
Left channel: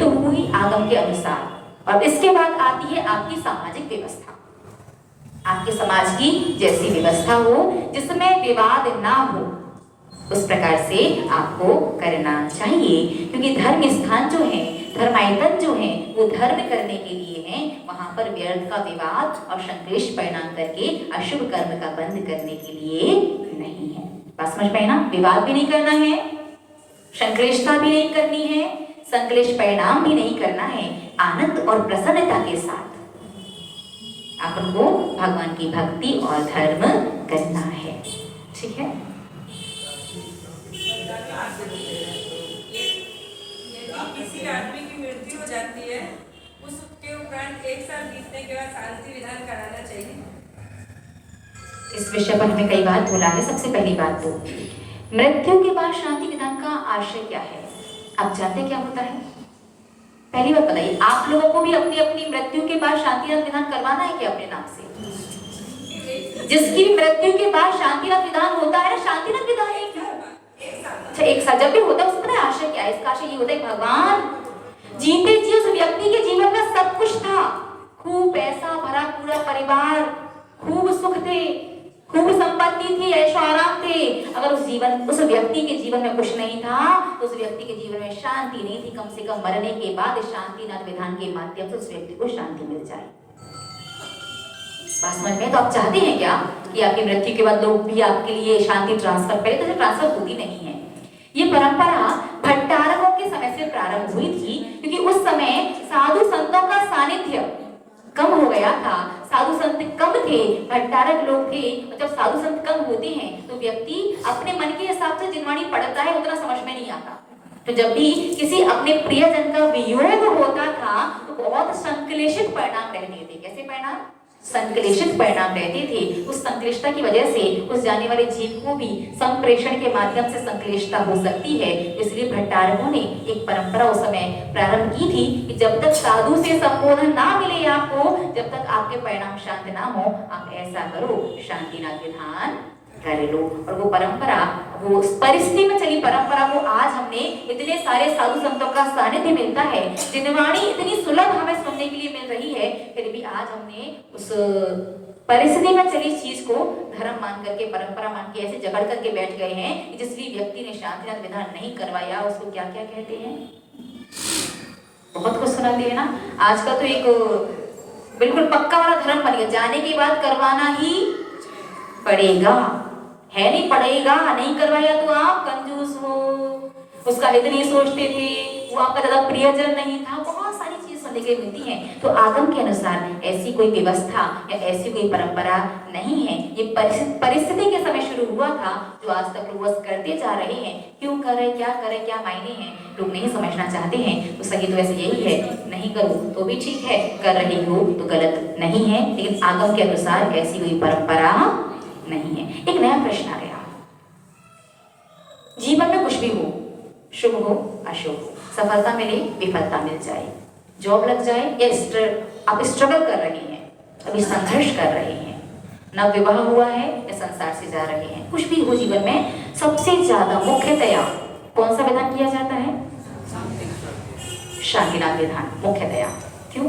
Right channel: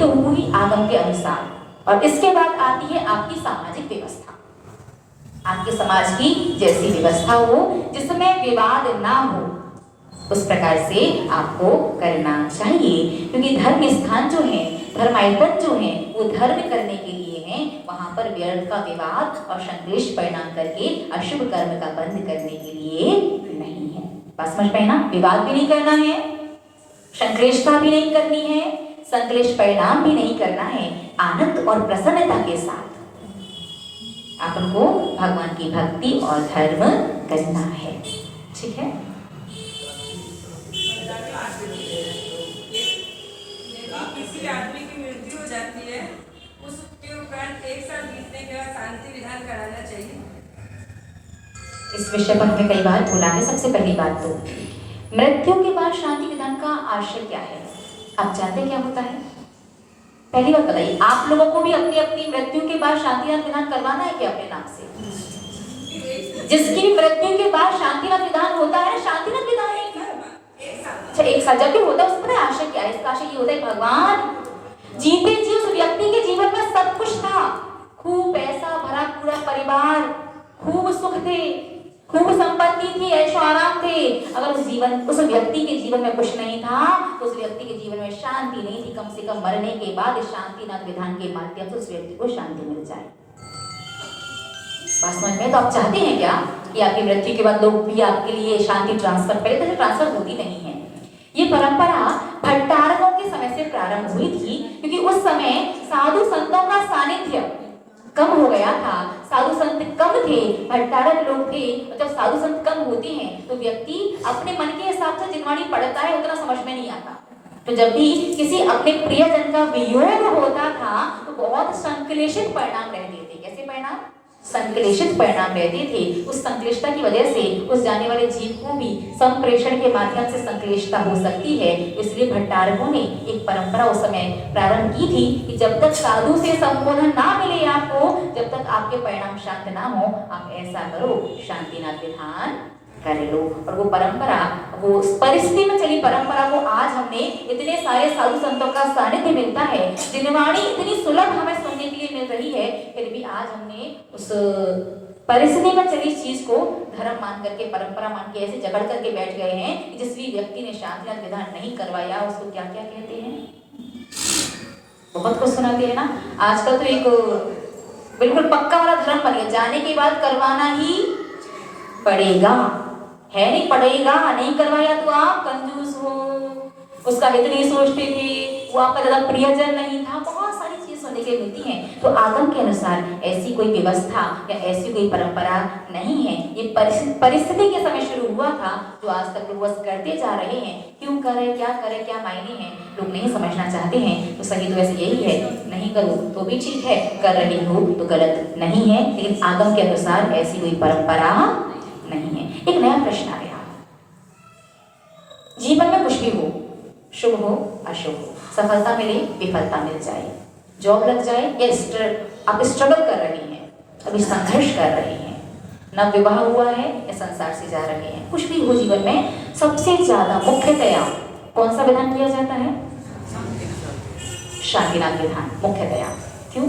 तो हुई आगम के अनुसार। और इसके बाद आती है आपकी सामाजिक व्यवस्था। आपके समाज की जैसी व्यवस्था हो जिसमें विवाद ना हो, उस प्रकार से आपको करना चाहिए। क्योंकि धर्म स्थान जो है, धर्मायतन जो है, वो धर्म करने के लिए है। वहां पर व्यर्थ का विवाद और संक्लेश परिणाम करके अशुभ कर्म का बंद करने के लिए नहीं है। बात समझ पाए ना? विवाद भी नहीं करना है, संक्लेशता भी नहीं करनी है, संक्लेश परिणाम भी नहीं करना है। आनंद और प्रसन्नता के साथ आपको भगवान की भक्ति और धर्म करना है। ठीक है? किसी आदमी की मृत्यु हो जाती है, उसके उपरांत 1 साल बीतने के बाद शांति विधान कराना चाहिए। इस विषय पर हमने कई बार बोला है। सबसे पहली बात तो मृत्यु के बाद शांति विधान का आशय क्या है? आप जानते क्या होता है? पहली बात बताइए, आप लोगों को भी अपनी अपनी मृत्यु के बाद शांति विधान करवाना है क्या अपने नाम से? जिसकी मृत्यु के बाद शांति विधान होता है, शांति विधान है क्यों? अच्छा, 1 साल जब भी होता है उसका आशय क्या है? इसका आशय ये होता है भगवान जीते जी उस व्यक्ति के जीवन में सब कुछ था, खूब पैसा भरा पूरा परिवार, खूब सुख थे, खूब संपत्ति थी, ऐशो आराम थे। अगर उस व्यक्ति के जीवन में कुछ नहीं था तो उस व्यक्ति के जीवन में शांति नहीं थी। कम से कम मरने के बाद शांतिनाथ विधान के माध्यम से उस व्यक्ति को शांति मिल जाए। बात समझ में? तो आप चाहते हैं क्या कि आपकी मृत्यु के बाद लोग भी आपके लिए शांति ट्रांसफर करें? तो ट्रांसफर होती नहीं है। ये परंपरा भट्टारकों के समय से प्रारंभ हुई थी, क्योंकि उस समय साधु संतों का सानिध्य कम हो गया था, साधु संत कम थे, भट्टारक लोग थे। जब साधु संत कम होते हैं तो व्यक्ति अपने मन के हिसाब से जिनवाणी पढ़ता है, उतना समझ में नहीं आता। तो जब भी किसी अपने प्रियजन का वियोग होता था तो बहुत संक्लेशित परिणाम रहते थे। कैसे परिणाम? संक्लेशित परिणाम रहते थे। उस संक्लिष्टता की वजह से उस जाने वाले जीव को भी संप्रेषण के माध्यम से संक्लिष्टता हो सकती है। इसलिए भट्टारकों ने एक परंपरा उस समय प्रारंभ की थी कि जब तक साधु से संबोधन ना मिले आपको, जब तक आपके परिणाम शांत ना हो, आप ऐसा करो, शांतिनाथ विधान कर लो। और वो परंपरा, वो परिस्थिति में चली परंपरा को आज हमने इतने सारे साधु संतों का सानिध्य मिलता है, जिनवाणी इतनी सुलभ हमें सुनने के लिए मिल रही है, फिर भी आज हमने उस परिस्थिति में चली चीज को धर्म मान करके, परंपरा मान के ऐसे जगड़ करके बैठ गए हैं कि जिस भी व्यक्ति ने शांतिनाथ विधान नहीं करवाया उसको क्या क्या कहते हैं, बहुत कुछ सुनाते हैं ना। आजकल तो एक बिल्कुल पक्का वाला धर्म बन गया, जाने के बाद करवाना ही पड़ेगा, है नहीं पड़ेगा, नहीं करवाया तो आप कंजूस हो, उसका हित नहीं सोचते थे, वो आपका ज्यादा प्रियजन नहीं था, बहुत सारी चीज सुनने के मिलती है। तो आगम के अनुसार ऐसी कोई व्यवस्था या ऐसी कोई परंपरा नहीं है। ये परिस्थिति के समय शुरू हुआ था, जो आज तक लोग बस करते जा रहे हैं। क्यों करें, क्या करें, क्या मायने हैं, लोग नहीं समझना चाहते हैं। तो सही तो वैसे यही है, नहीं करो तो भी ठीक है, कर रहे हो तो गलत नहीं है, लेकिन आगम के अनुसार ऐसी कोई परंपरा नहीं है। एक नया प्रश्न आ गया, जीवन में कुछ भी हो, शुभ हो अशुभ हो, सफलता मिले विफलता मिल जाए, जॉब लग जाए या आप स्ट्रगल कर रहे हैं, अभी संघर्ष कर रहे हैं, नव विवाह हुआ है या संसार से जा रहे हैं, कुछ भी हो जीवन में, सबसे ज्यादा मुख्यतया कौन सा विधान किया जाता है? शांतिनाथ विधान मुख्यतया। क्यों?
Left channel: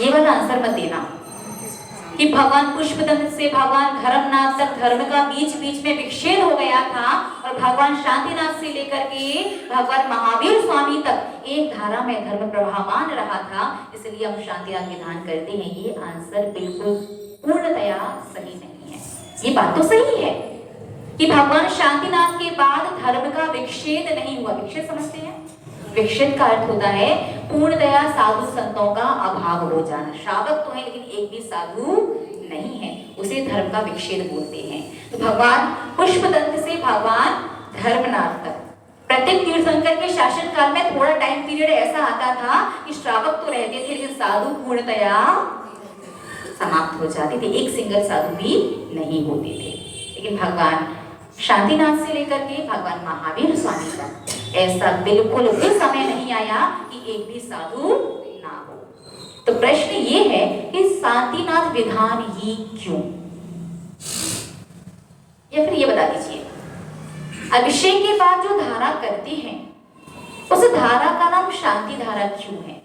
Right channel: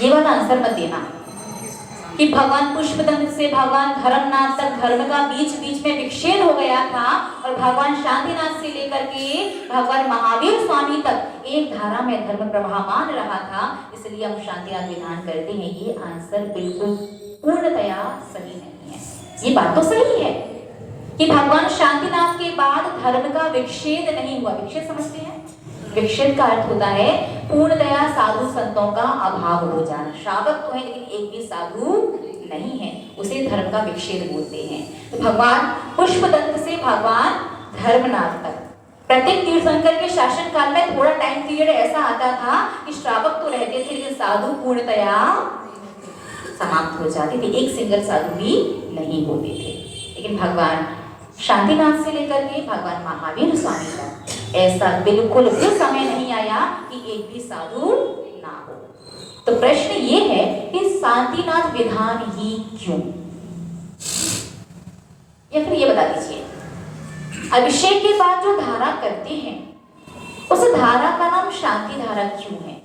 ये वाला आंसर मत देना कि भगवान पुष्पदंत से भगवान धर्मनाथ तक धर्म का बीच बीच में विच्छेद हो गया था, और भगवान शांतिनाथ से लेकर के भगवान महावीर स्वामी तक एक धारा में धर्म प्रवाहमान रहा था, इसलिए हम शांतिनाथ विधान करते हैं। ये आंसर बिल्कुल पूर्णतया सही नहीं है। ये बात तो सही है कि भगवान शांतिनाथ के बाद धर्म का विच्छेद नहीं हुआ। विच्छेद समझते हैं? विच्छेद का अर्थ होता है पूर्णतया साधु संतों का अभाव हो जाना। श्रावक तो है लेकिन एक भी साधु नहीं है, उसे धर्म का विच्छेद बोलते हैं। तो भगवान पुष्पदंत से भगवान धर्मनाथ तक प्रत्येक तीर्थंकर के शासन काल में थोड़ा टाइम पीरियड ऐसा आता था कि श्रावक तो रहते थे लेकिन साधु पूर्णतया समाप्त हो जाते थे, एक सिंगल साधु भी नहीं होते थे। लेकिन भगवान शांतिनाथ से लेकर के भगवान महावीर स्वामी तक ऐसा बिल्कुल भी समय नहीं आया कि एक भी साधु ना हो। तो प्रश्न ये है कि शांतिनाथ विधान ही क्यों, या फिर ये बता दीजिए, अभिषेक के बाद जो धारा करते हैं उस धारा का नाम शांति धारा क्यों है,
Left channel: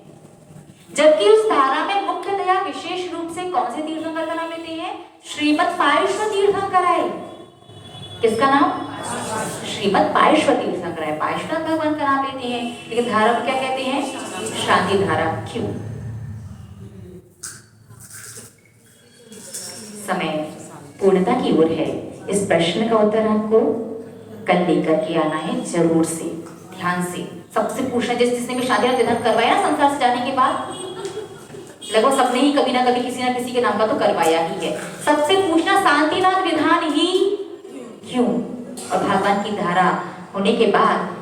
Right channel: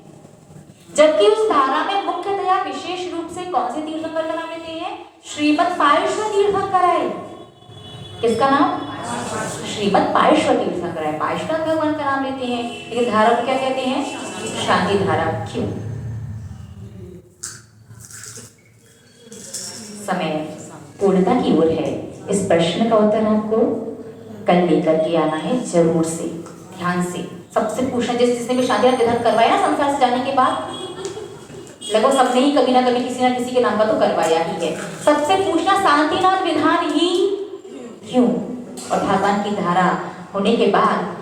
जबकि उस धारा में मुख्यतया विशेष रूप से कौन से तीर्थंकर का नाम लेते हैं? श्रीमद पार्श्व तीर्थंकर है। किसका नाम? श्रीमद पार्श्व तीर्थंकर है। पार्श्व भगवान का नाम लेते हैं, लेकिन धारा को क्या कहते हैं? शांति धारा। क्यों? समय पूर्णता की ओर है। इस प्रश्न का उत्तर आपको कल लेकर के आना है, जरूर से, ध्यान से। सबसे पूछना, जिसने भी शादी विधान करवाया ना संसार से जाने के बाद, लगभग सबने ही कभी ना कभी किसी ना किसी के नाम पर तो करवाया ही है। सबसे पूछना शांतिनाथ विधान ही क्यों? और भगवान की धारा होने के बाद,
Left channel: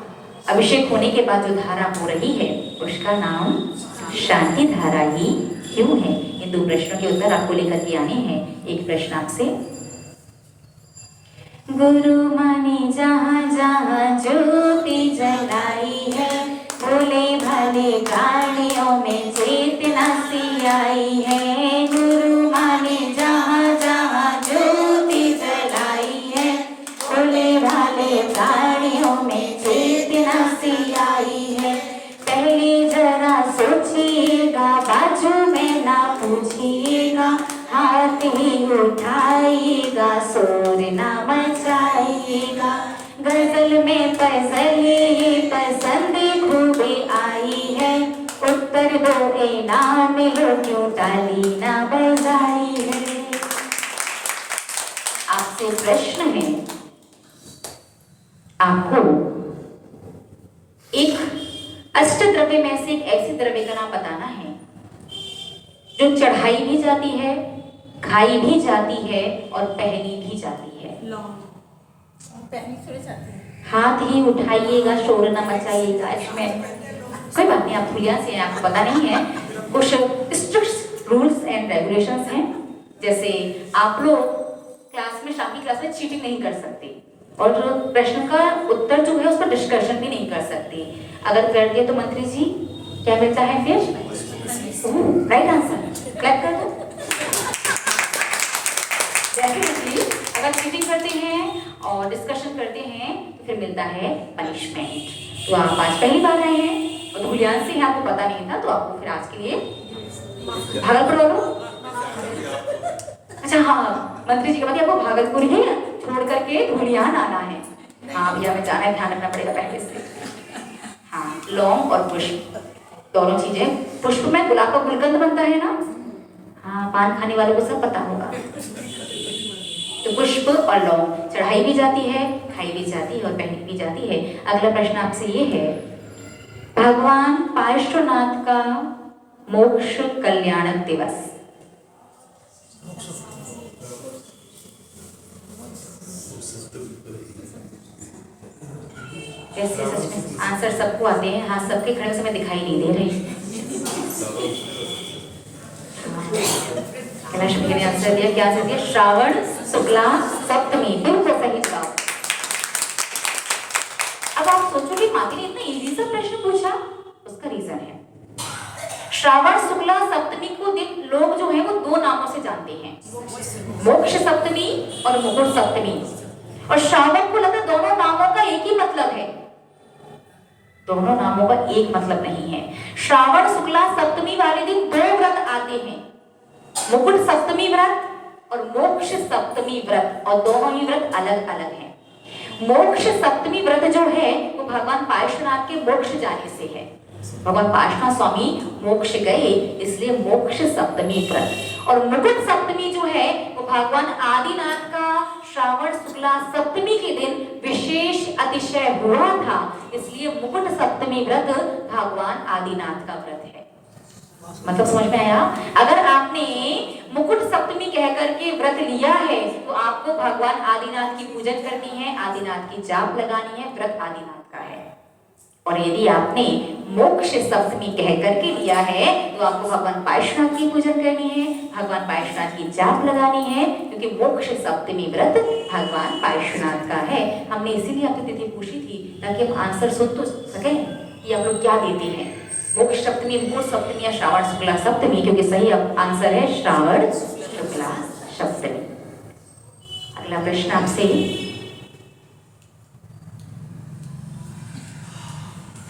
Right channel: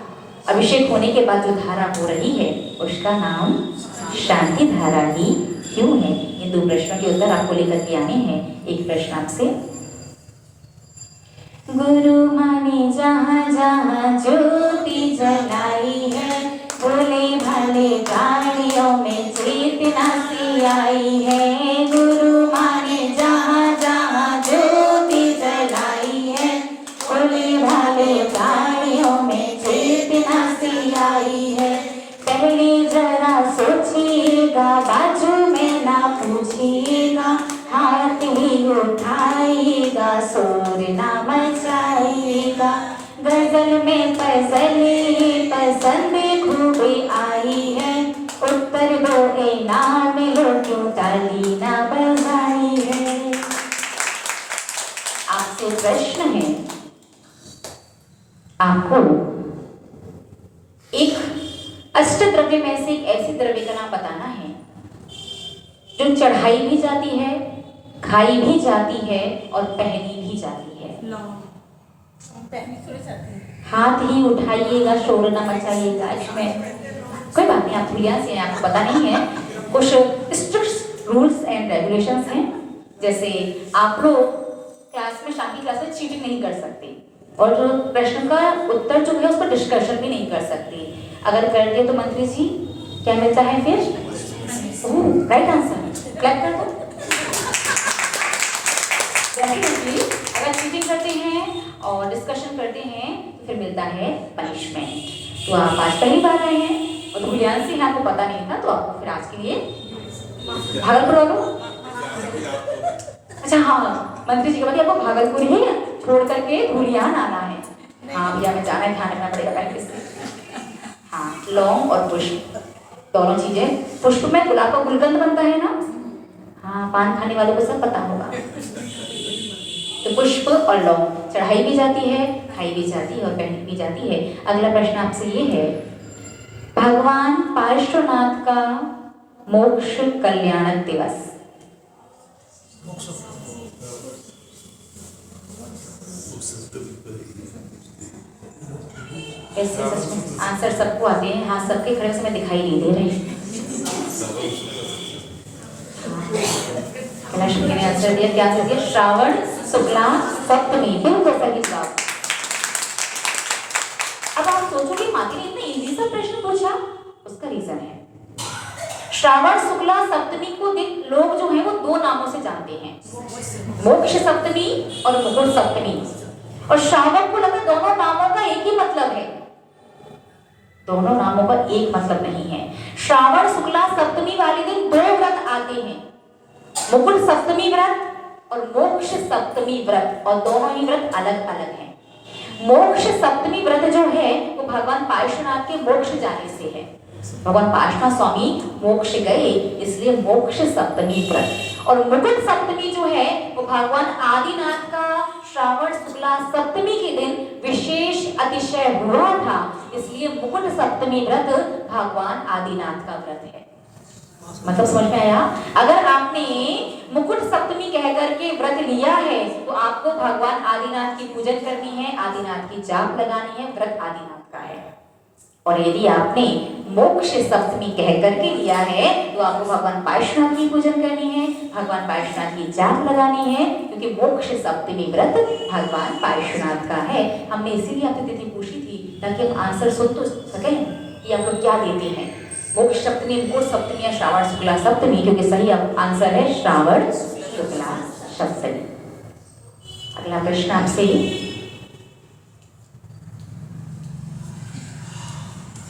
अभिषेक होने के बाद जो धारा हो रही है उसका नाम शांति धारा ही क्यों है? ये दो प्रश्नों के उत्तर आपको लेकर के आने हैं। एक प्रश्न आपसे, गुरु माने जहाँ जहाँ ज्योति जलाई है, भोले भाले प्राणियों में चेतना सी आई है। गुरु माने जहाँ जहाँ ज्योति जलाई है, भोले भाले प्राणियों में चेतना सी आई है। पहले जरा सोचिएगा, बाजू में ना पूछिएगा, हाथ ही उठाइएगा, शोर ना मचाइएगा। गजल में फजल ही पसंद खूबे आई है, उत्तर दो ना मिलो क्यों ताली ना बजाई है। आपसे प्रश्न है, आपको एक अष्ट द्रव्य में से एक ऐसे द्रव्य का नाम बताना है जो चढ़ाई भी जाती है, खाई भी जाती है और पहनी भी जाती है। हाथ ही उठाइएगा, शोर न मचाइएगा। इसमें कोई बात नहीं, आप भूलिया से हैं, आपको पता नहीं है। कुछ स्ट्रिक्ट रूल्स एंड रेगुलेशंस हैं, जैसे आप लोग क्लास में, शाम की क्लास में चीटिंग नहीं कर सकते, और जो प्रश्न का उत्तर जो है उसका डिस्कशन भी नहीं कर सकते। अगर कर दिए तो मंत्री जी क्या मिलता है फिर? Right answer. क्लैप कर दो। डेफिनेटली अगर चीटिंग करते हैं और डिस्कशन करते हैं तो फिर मिलता है पनिशमेंट। तो आप आज पहली बार आए हैं और धुलियान से हैं, आपको पता नहीं था, तो आपको फिर आज के लिए भागलपुर। अच्छा हाँ, मंत्री जी के बाद आपको भागलपुर ही छोड़ करके धुलियान आना है। हाँ भैया, मैं जाना है, ध्यान रखना पड़ेगा पहले से। हाँ, लौंग और पुष्प दोनों चीजें। पुष्प में गुलाब का गुलकंद बनता है ना, हाँ, पान खाने वालों को सब पता होगा। तो पुष्प और लौंग चढ़ाई भी जाती है, खाई भी जाती है और पहनी भी जाती है। अगला प्रश्न आपसे ये है, भगवान पार्श्वनाथ का मोक्ष कल्याण दिवस आंसर सबको आते हैं। हाँ, सबके खड़े से मैं दिखाई नहीं दे रही। लक्ष्मी ने आंसर दिया, क्या आंसर दिया? श्रावण शुक्ला सप्तमी। बिल्कुल सही जवाब। अब आप सोचोगे माती ने इतना इजी सा प्रश्न पूछा, उसका रीजन है श्रावण शुक्ला सप्तमी को दिन लोग जो है वो दो नामों से जानते हैं, मोक्ष सप्तमी और मुकुट सप्तमी। और श्रावण को लगता दोनों नामों का एक ही मतलब है, दोनों नामों का एक मतलब नहीं है। श्रावण शुक्ला सप्तमी वाले दिन दो व्रत आते हैं, मुकुट सप्तमी व्रत और मोक्ष सप्तमी व्रत, और दोनों ही व्रत अलग अलग हैं। मोक्ष सप्तमी व्रत जो है वो भगवान पार्श्वनाथ के मोक्ष जाने से है। भगवान पार्श्वनाथ स्वामी मोक्ष गए, इसलिए मोक्ष सप्तमी व्रत। और मुकुट सप्तमी जो है वो भगवान आदिनाथ का श्रावण शुक्ला सप्तमी के दिन विशेष अतिशय हुआ था, इसलिए मुकुट सप्तमी व्रत भगवान आदिनाथ का व्रत है। मतलब समझ में आया? अगर आपने मुकुट सप्तमी कह करके व्रत लिया है तो आपको भगवान आदिनाथ की पूजन करनी है, आदिनाथ की जाप लगानी है, व्रत आदिनाथ का है। और यदि आपने मोक्ष सप्तमी कह करके लिया है तो आपको भगवान पार्श्वनाथ की पूजन करनी है, भगवान पार्श्वनाथ की जाप लगानी है, क्योंकि मोक्ष सप्तमी व्रत भगवान पार्श्वनाथ का है। हमने इसीलिए आपसे तिथि पूछी थी ताकि हम आंसर सुन तो सकें कि आप लोग क्या देते हैं। मोक्ष सप्तमी, मुकुट सप्तमी या श्रावण शुक्ला सप्तमी, क्योंकि सही आंसर है श्रावण शुक्ला सप्तमी। अगला प्रश्न आपसे,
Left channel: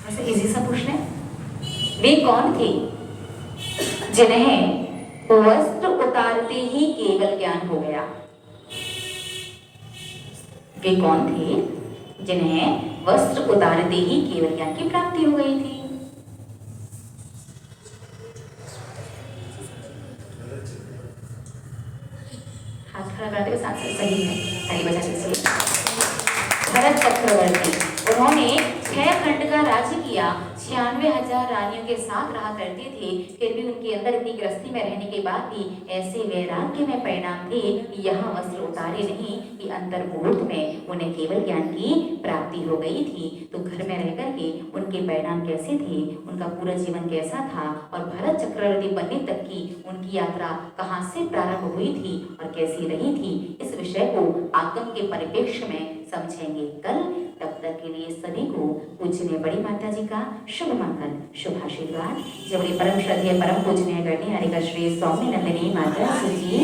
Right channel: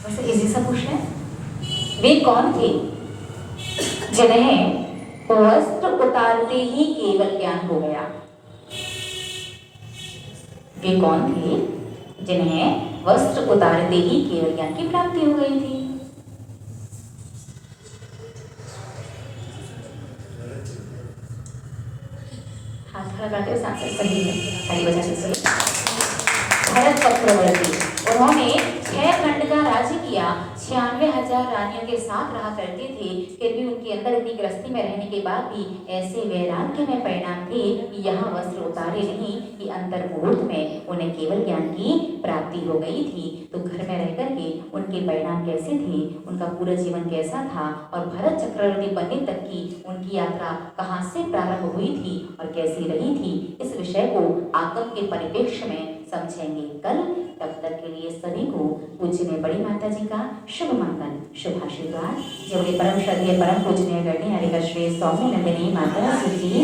वैसे इजी सा पूछना है। वे कौन थे जिन्हें वस्त्र उतारते ही केवल ज्ञान हो गया? वे कौन थे जिन्हें वस्त्र उतारते ही केवल ज्ञान की प्राप्ति हो गई थी? हाथ खड़ा करते हुए आंसर सही है, ताली बजा दीजिए। भरत चक्रवर्ती, उन्होंने 6 खंड का राज्य किया, 96,000 रानियों के साथ रहा करते थे। फिर भी उनके अंदर अपनी गृहस्थी में रहने के बाद भी ऐसे वैराग्य में परिणाम थे कि यहाँ वस्त्र उतारे नहीं कि अंतर मुहूर्त में उन्हें केवल ज्ञान की प्राप्ति हो गई थी। तो घर में रह करके उनके परिणाम कैसे थे, उनका पूरा जीवन कैसा था, और भरत चक्रवर्ती बनने तक की उनकी यात्रा कहाँ से प्रारंभ हुई थी और कैसी रही थी, इस विषय को आगम के परिप्रेक्ष्य में समझेंगे कल। तब तक के लिए सभी को पूजनीय बड़ी माता जी का शुभ मंगल, शुभ आशीर्वाद। जबरी परम श्रद्धेय परम पूजनीय गणित हरिका श्री स्वामी नंदिनी माता सुजी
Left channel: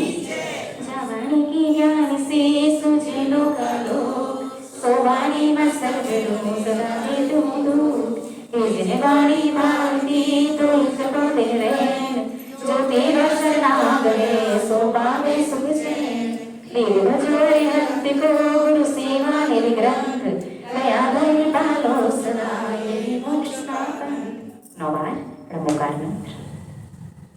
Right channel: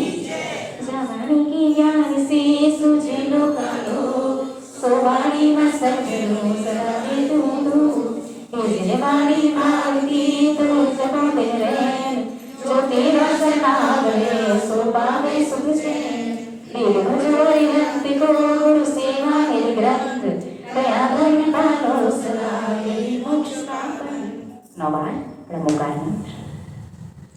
जवानी की ज्ञान से सुझे लोका लोग, सोवानी मस्तक में सदाए दूध। ये जवानी मांगती तो जगो दिन रहे, जो तेरा सना गए सो पावे सुख चैन। देव जोड़ी नंद को